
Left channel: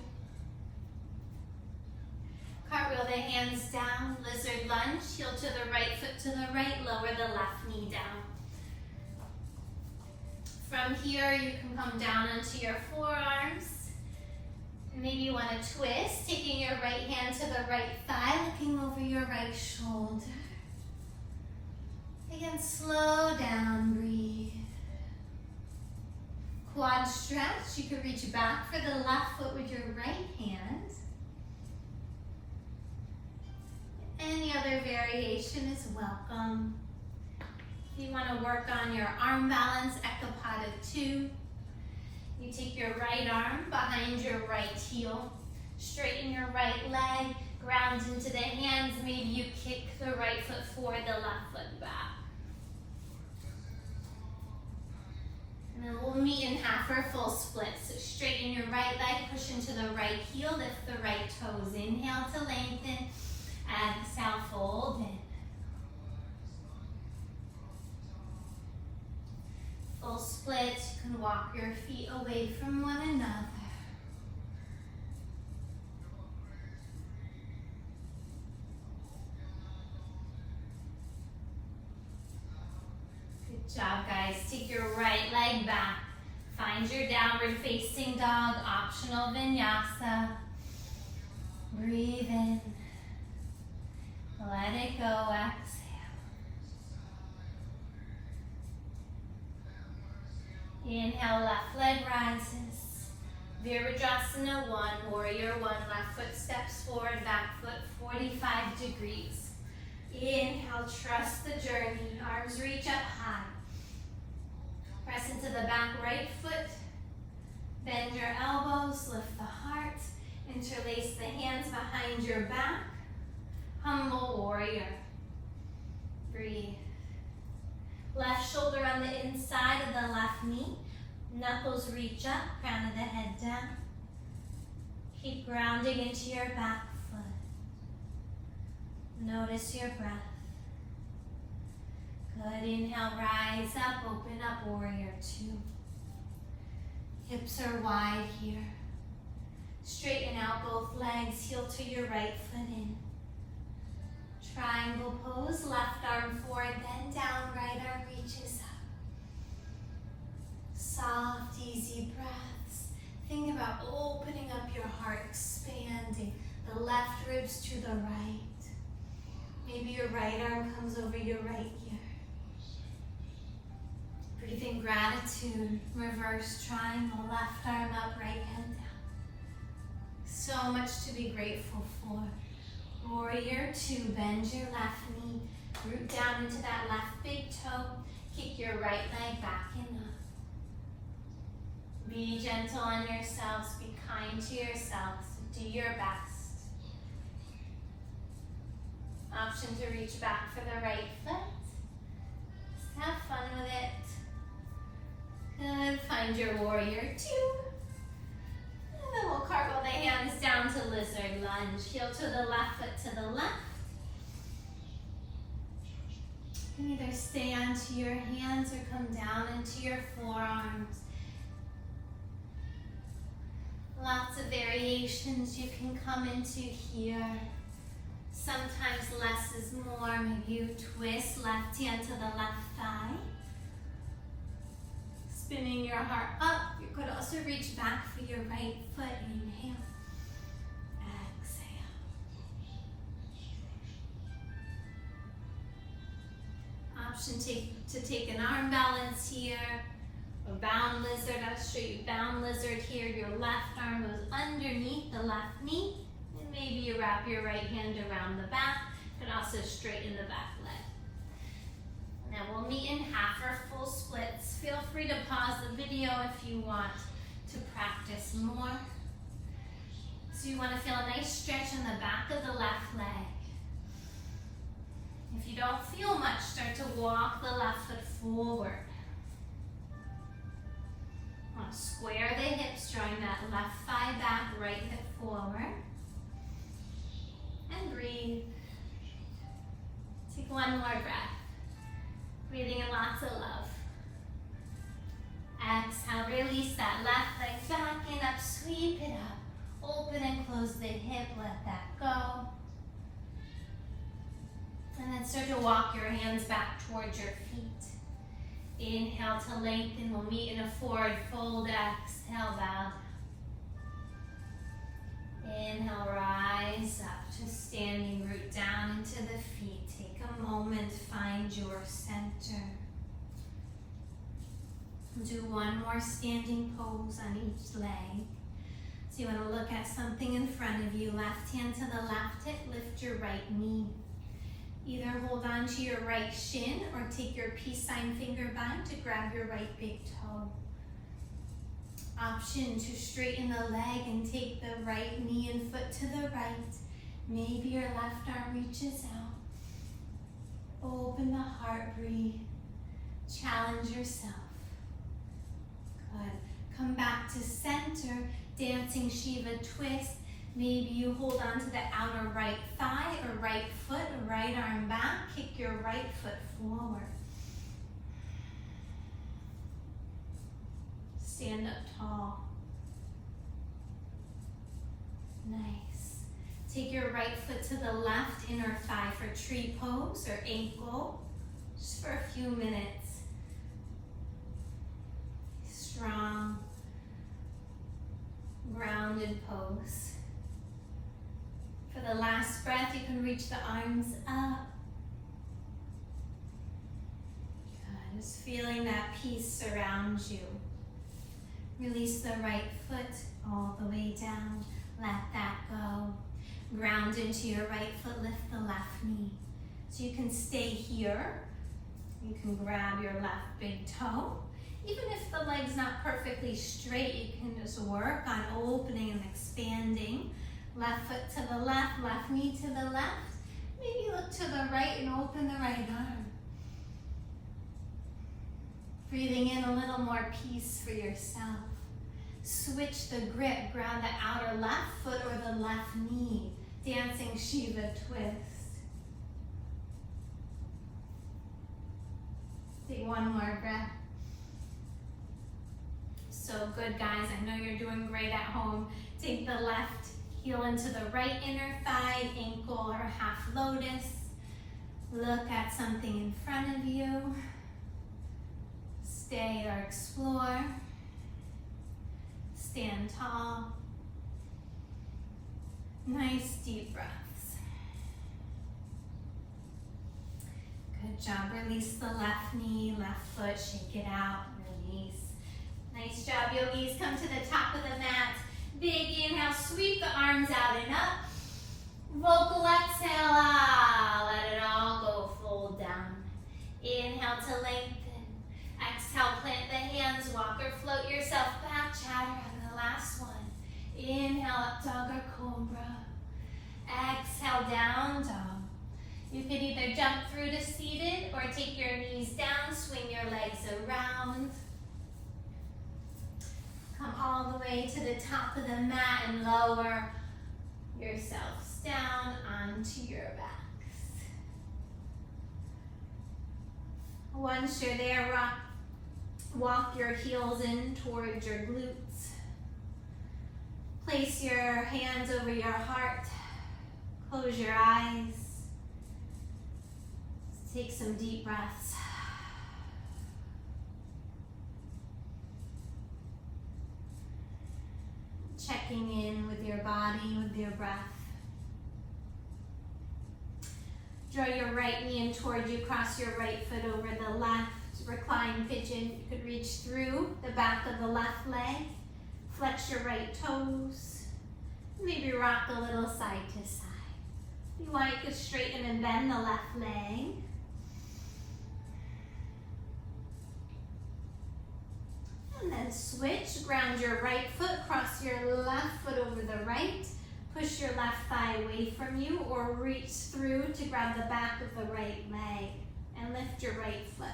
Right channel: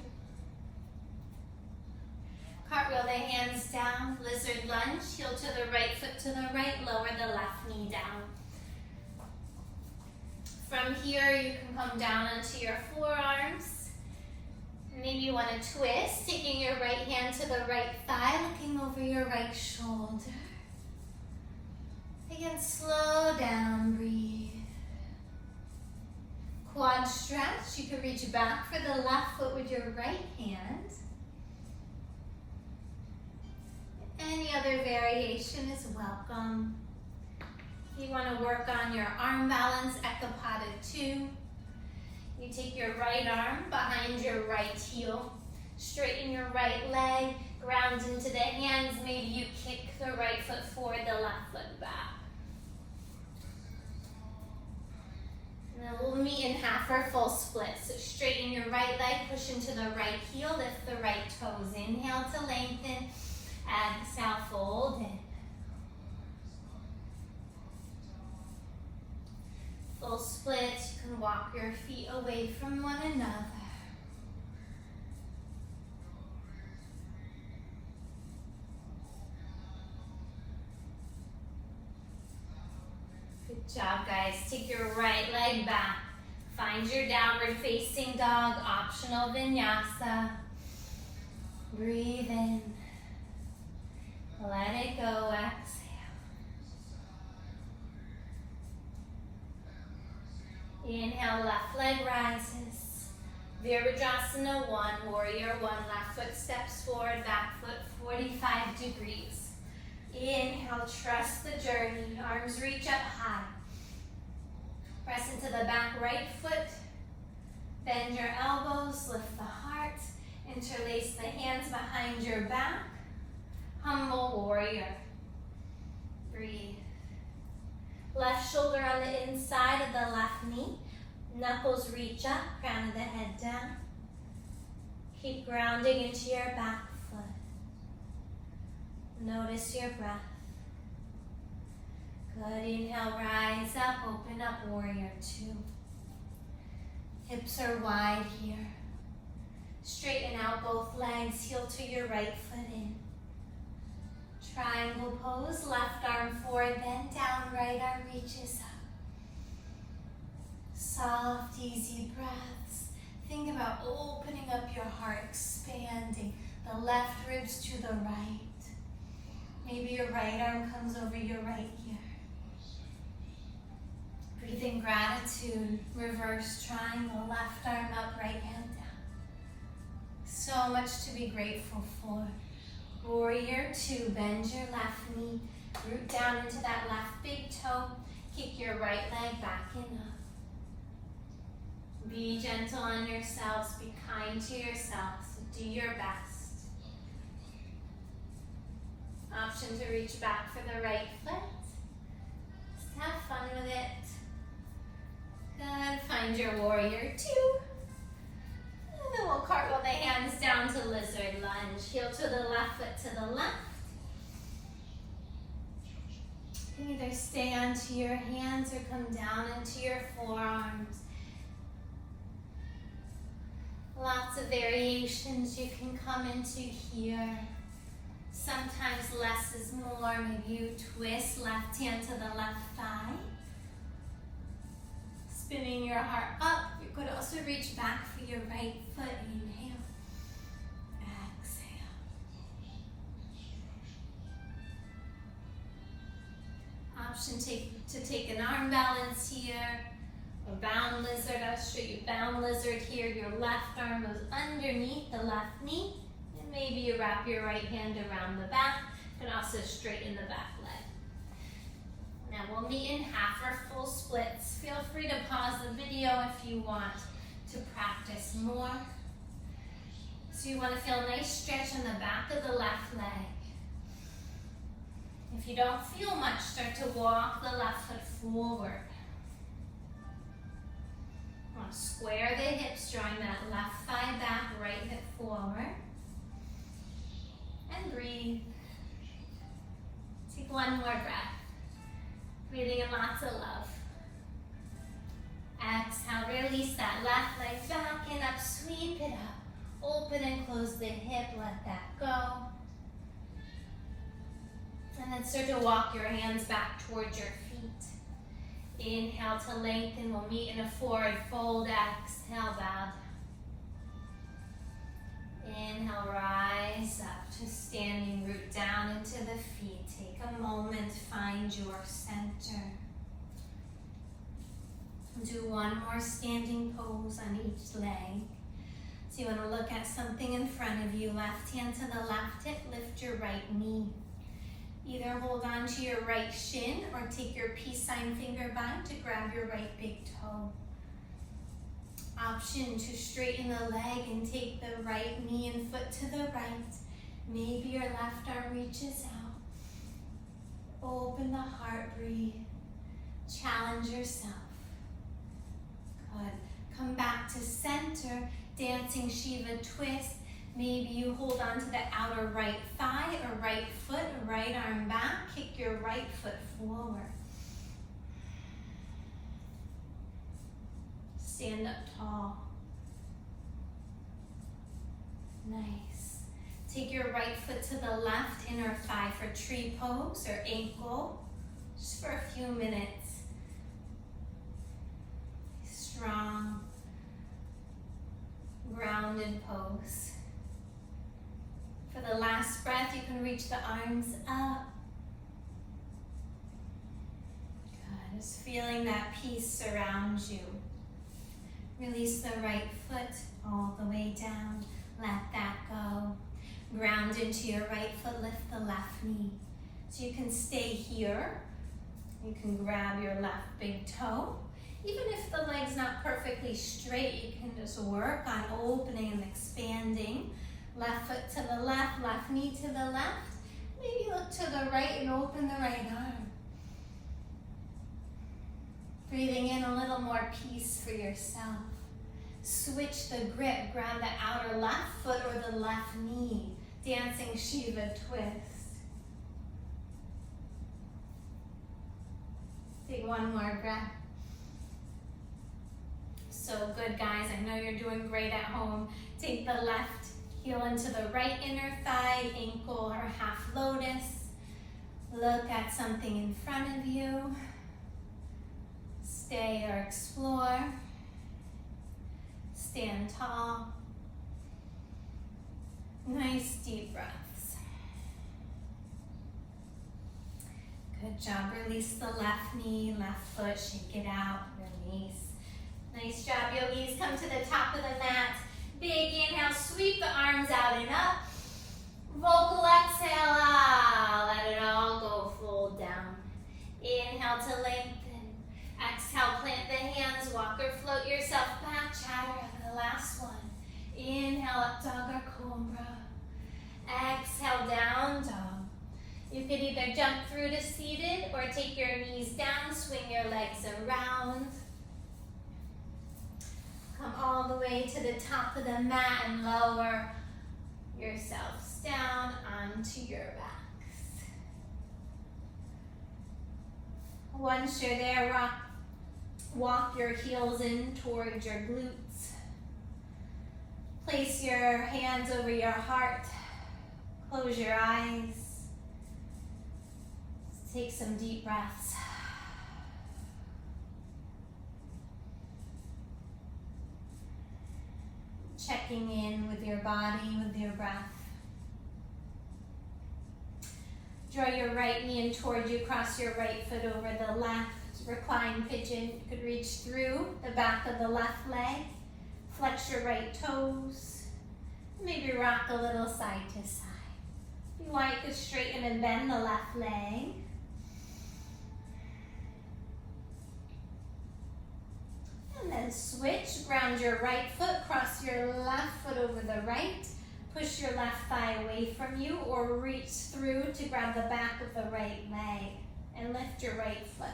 Cartwheel the hands down, lizard lunge, heel to the right foot to the right, lower the left knee down. From here, you can come down onto your forearms. Maybe you want to twist, taking your right hand to the right thigh, looking over your right shoulder. Again, slow down, breathe. Quad stretch, you can reach back for the left foot with your right hand. Any other variation is welcome. If you want to work on your arm balance, Ekapada 2. You take your right arm behind your right heel. Straighten your right leg, ground into the hands. Maybe you kick the right foot forward, the left foot back. And then we'll meet in half or full split. So straighten your right leg, push into the right heel, lift the right toes. Inhale to lengthen. Exhale, fold in. Full split, you can walk your feet away from one another. Good job, guys. Take your right leg back. Find your downward facing dog, optional vinyasa. Breathe in. Let it go, exhale. Inhale, left leg rises. Virabhadrasana 1, warrior 1, left foot steps forward, back foot 45 degrees. Inhale, trust the journey, arms reach up high. Press into the back right foot. Bend your elbows, lift the heart. Interlace the hands behind your back. Humble warrior. Breathe. Left shoulder on the inside of the left knee. Knuckles reach up, crown of the head down. Keep grounding into your back foot. Notice your breath. Good. Inhale, rise up, open up, warrior two. Hips are wide here. Straighten out both legs, heel to your right foot in. Triangle pose, left arm forward, bend down, right arm reaches up. Soft, easy breaths. Think about opening up your heart, expanding the left ribs to the right. Maybe your right arm comes over your right ear. Breathe in gratitude, reverse triangle, left arm up, right hand down. So much to be grateful for. Warrior two, bend your left knee, root down into that left big toe, kick your right leg back and up. Be gentle on yourselves, be kind to yourselves, do your best. Option to reach back for the right foot. Just have fun with it. Good, find your warrior two. And then we'll cartwheel the hands down to lizard lunge. Heel to the left, foot to the left. You can either stay onto your hands or come down into your forearms. Lots of variations you can come into here. Sometimes less is more. Maybe you twist left hand to the left thigh. Spinning your heart up. You could also reach back for your right foot. Inhale. Exhale. Option to take an arm balance here. Or bound lizard. I'll show you bound lizard here. Your left arm goes underneath the left knee. And maybe you wrap your right hand around the back. You can also straighten the back leg. Now we'll meet in half or full splits. Feel free to pause the video if you want to practice more. So you want to feel a nice stretch on the back of the left leg. If you don't feel much, start to walk the left foot forward. Want to square the hips, drawing that left thigh back, right hip forward. And breathe. Take one more breath. Breathing in lots of love. Exhale, release that left leg back and up, sweep it up. Open and close the hip, let that go. And then start to walk your hands back towards your feet. Inhale to lengthen, we'll meet in a forward fold. Exhale, bow. Inhale, rise up to standing, root down into the feet. Take a moment, find your center. Do one more standing pose on each leg. So you want to look at something in front of you. Left hand to the left hip, lift your right knee. Either hold on to your right shin or take your peace sign finger bind to grab your right big toe. Option to straighten the leg and take the right knee and foot to the right. Maybe your left arm reaches out. Open the heart, breathe. Challenge yourself. Good. Come back to center, dancing Shiva twist. Maybe you hold on to the outer right thigh or right foot, right arm back. Kick your right foot forward. Stand up tall. Nice. Take your right foot to the left inner thigh for tree pose or ankle, just for a few minutes. Strong, grounded pose. For the last breath, you can reach the arms up. Good. Just feeling that peace surround you. Release the right foot all the way down. Let that go. Ground into your right foot, lift the left knee. So you can stay here. You can grab your left big toe. Even if the leg's not perfectly straight, you can just work on opening and expanding. Left foot to the left knee to the left. Maybe look to the right and open the right arm. Breathing in a little more peace for yourself. Switch the grip, grab the outer left foot or the left knee. Dancing Shiva twist. Take one more breath. So good, guys. I know you're doing great at home. Take the left heel into the right inner thigh, ankle or half lotus. Look at something in front of you. Stay or explore. Stand tall. Nice deep breaths. Good job. Release the left knee, left foot, shake it out, release. Nice job, yogis. Come to the top of the mat. Big inhale, sweep the arms out and up. Vocal exhale, let it all go, fold down. Inhale to lengthen. Exhale, plant the hands, walk or float yourself back, chaturanga, the last one. Inhale, up dog or cobra. Exhale, down dog. You could either jump through to seated or take your knees down, swing your legs around. Come all the way to the top of the mat and lower yourselves down onto your backs. Once you're there, walk your heels in towards your glutes. Place your hands over your heart. Close your eyes. Take some deep breaths. Checking in with your body, with your breath. Draw your right knee in towards you, cross your right foot over the left. Recline pigeon. You could reach through the back of the left leg. Flex your right toes. Maybe rock a little side to side. If you want, you could straighten and bend the left leg. And then switch. Ground your right foot, cross your left foot over the right. Push your left thigh away from you or reach through to grab the back of the right leg and lift your right foot.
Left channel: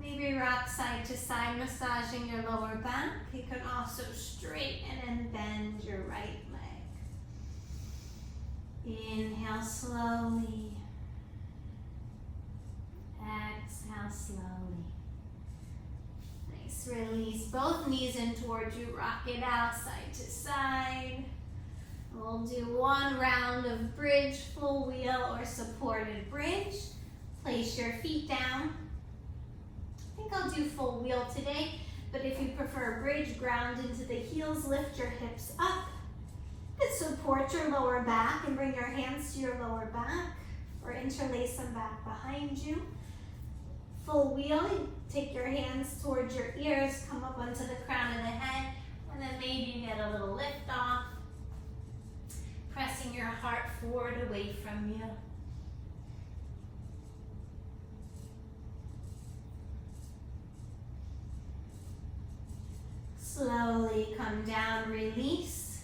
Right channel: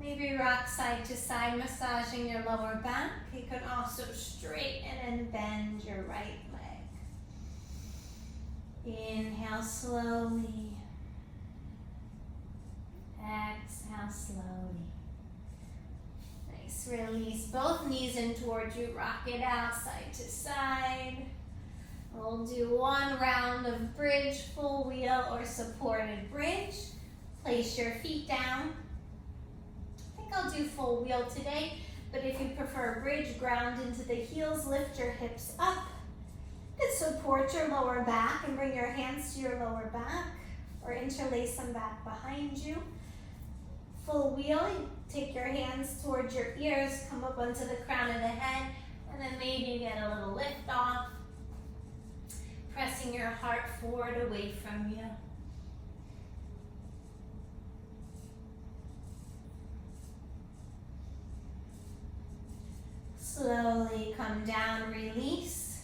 Maybe rock side to side, massaging your lower back. You can also straighten and bend your right leg. Inhale slowly. Exhale slowly. Nice, release both knees in towards you. Rock it out side to side. We'll do one round of bridge, full wheel, or supported bridge. Place your feet down. I think I'll do full wheel today, but if you prefer bridge, ground into the heels, lift your hips up. And support your lower back and bring your hands to your lower back or interlace them back behind you. Full wheel, take your hands towards your ears, come up onto the crown of the head, and then maybe you get a little lift off. Pressing your heart forward away from you. Slowly come down, release.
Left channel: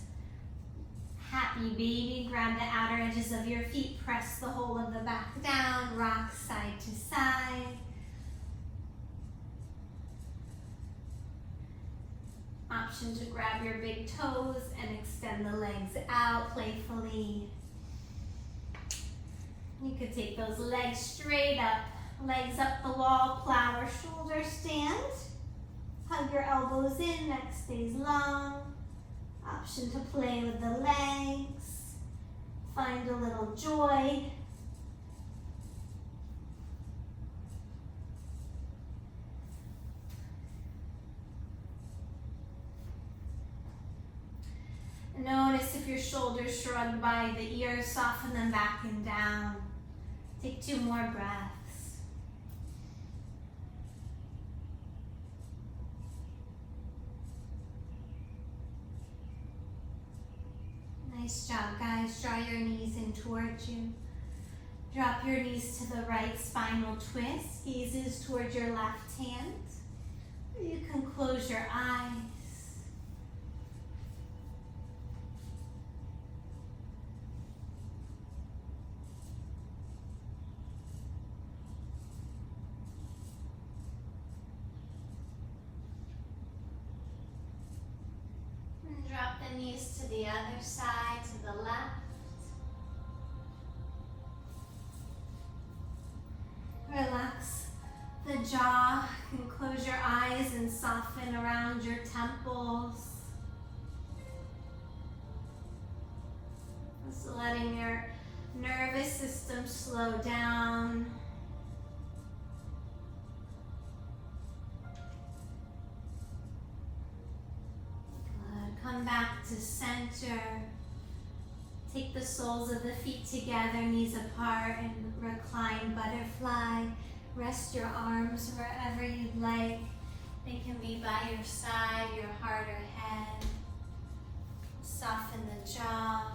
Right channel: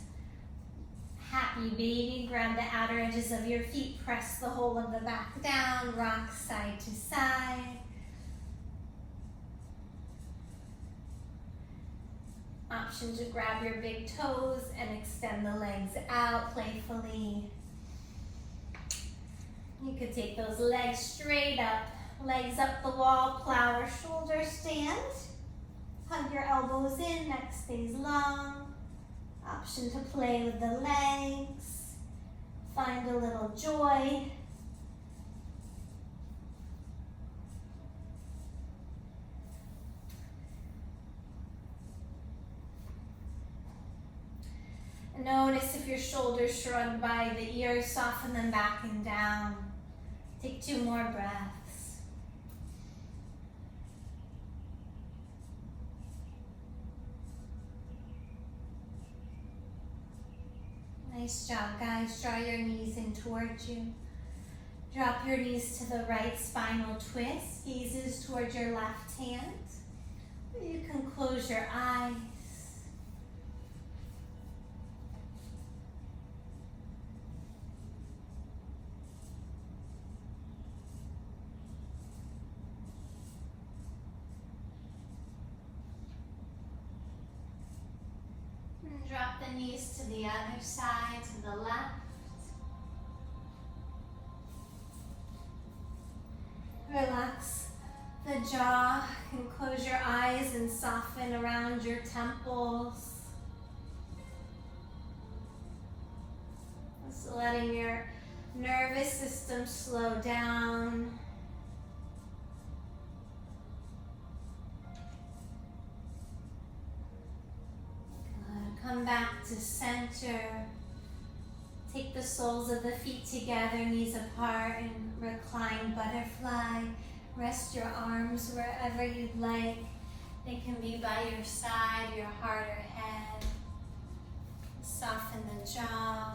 Happy baby, grab the outer edges of your feet, press the whole of the back down, rock side to side. Option to grab your big toes and extend the legs out playfully. You could take those legs straight up, legs up the wall, plow or shoulder stand. Hug your elbows in, neck stays long. Option to play with the legs. Find a little joy. Notice if your shoulders shrug by the ears, soften them back and down. Take 2 more breaths. Nice job, guys. Draw your knees in towards you. Drop your knees to the right, spine will twist. Gazes towards your left hand. You can close your eyes. Drop the knees to the other side, to the left. Relax the jaw, and close your eyes and soften around your temples. Just letting your nervous system slow down. Come back to center. Take the soles of the feet together, knees apart, and recline butterfly. Rest your arms wherever you'd like. They can be by your side, your heart or head. Soften the jaw.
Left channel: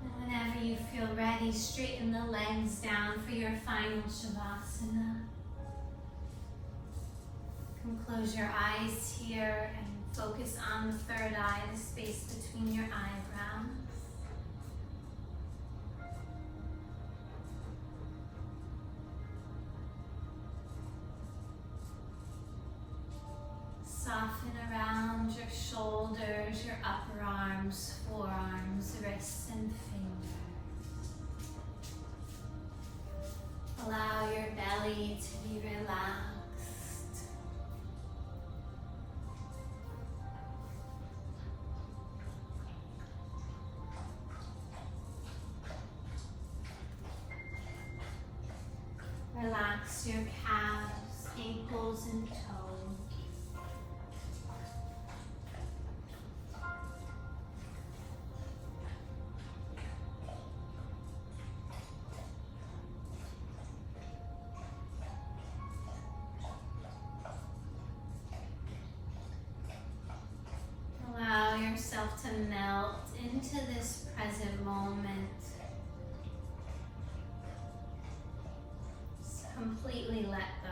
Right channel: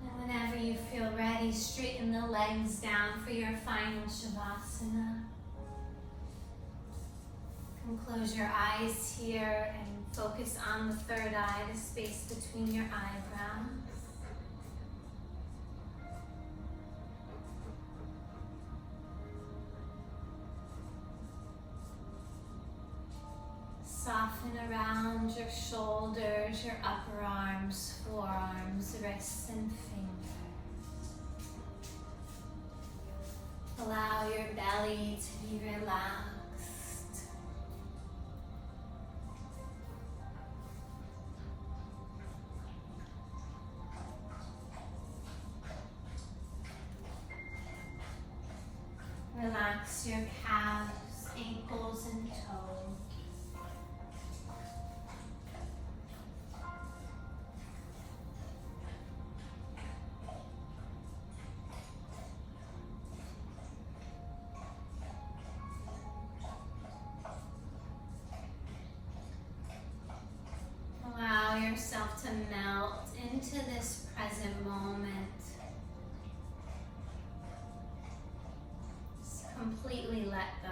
And whenever you feel ready, straighten the legs down for your final Shavasana. And close your eyes here and focus on the third eye, the space between your eyebrows. Soften around your shoulders, your upper arms, forearms, wrists, and fingers. Allow your belly to be relaxed. Relax your calves, ankles, and toes. Allow yourself to melt into this present moment. Just completely let go.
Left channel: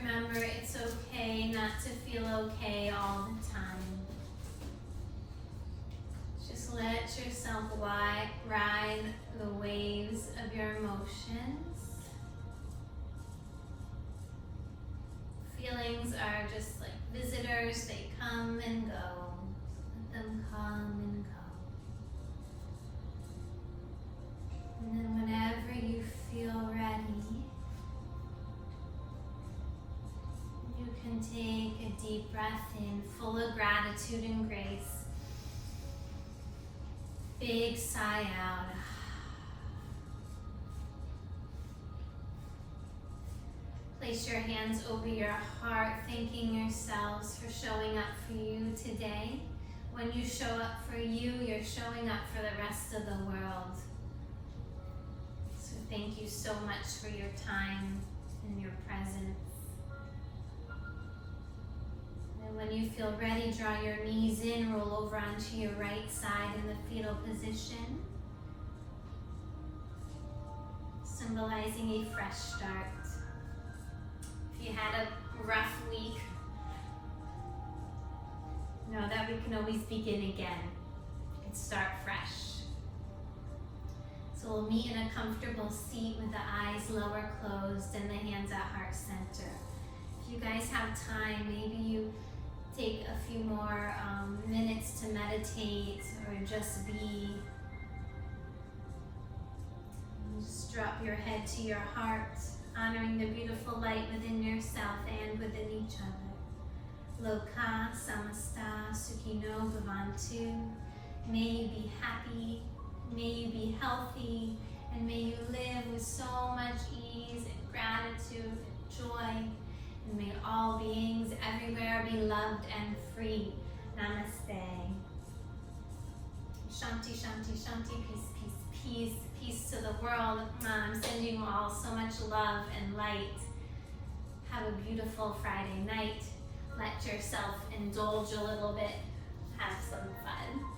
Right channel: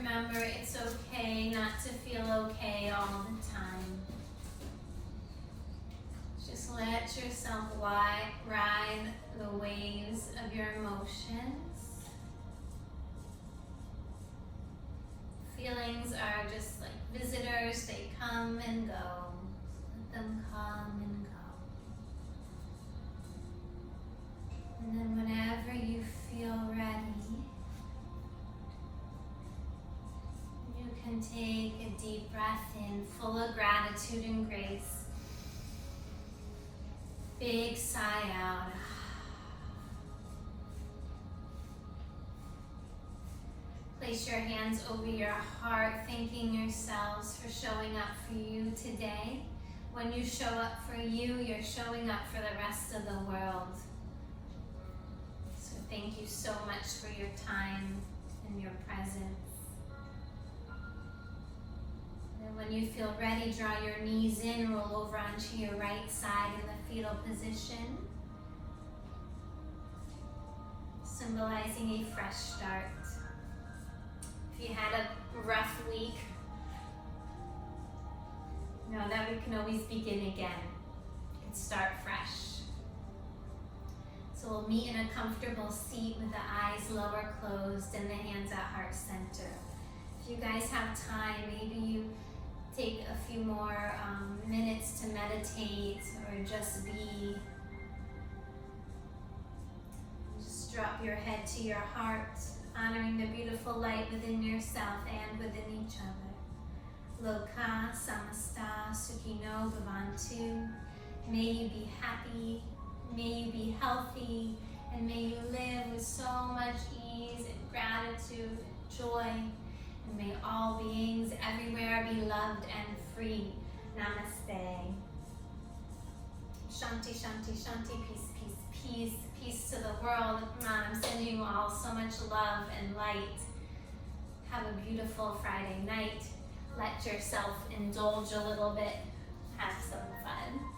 Remember, it's okay not to feel okay all the time. Just let yourself ride the waves of your emotions. Feelings are just like visitors, they come and go. Let them come and go. And then whenever you feel ready, you can take a deep breath in, full of gratitude and grace. Big sigh out. Place your hands over your heart, thanking yourselves for showing up for you today. When you show up for you, you're showing up for the rest of the world. So thank you so much for your time and your presence. And when you feel ready, draw your knees in, roll over onto your right side in the fetal position, symbolizing a fresh start. If you had a rough week, know that we can always begin again and start fresh. So we'll meet in a comfortable seat with the eyes lower closed and the hands at heart center. If you guys have time, maybe you take a few more minutes to meditate or just be. Just drop your head to your heart, honoring the beautiful light within yourself and within each other. Loka samasta sukhino bhavantu. May you be happy, may you be healthy, and may you live with so much ease and gratitude and joy. And may all beings everywhere be loved and free. Namaste. Shanti, shanti, shanti, peace, peace, peace, peace to the world. I'm sending you all so much love and light. Have a beautiful Friday night. Let yourself indulge a little bit. Have some fun.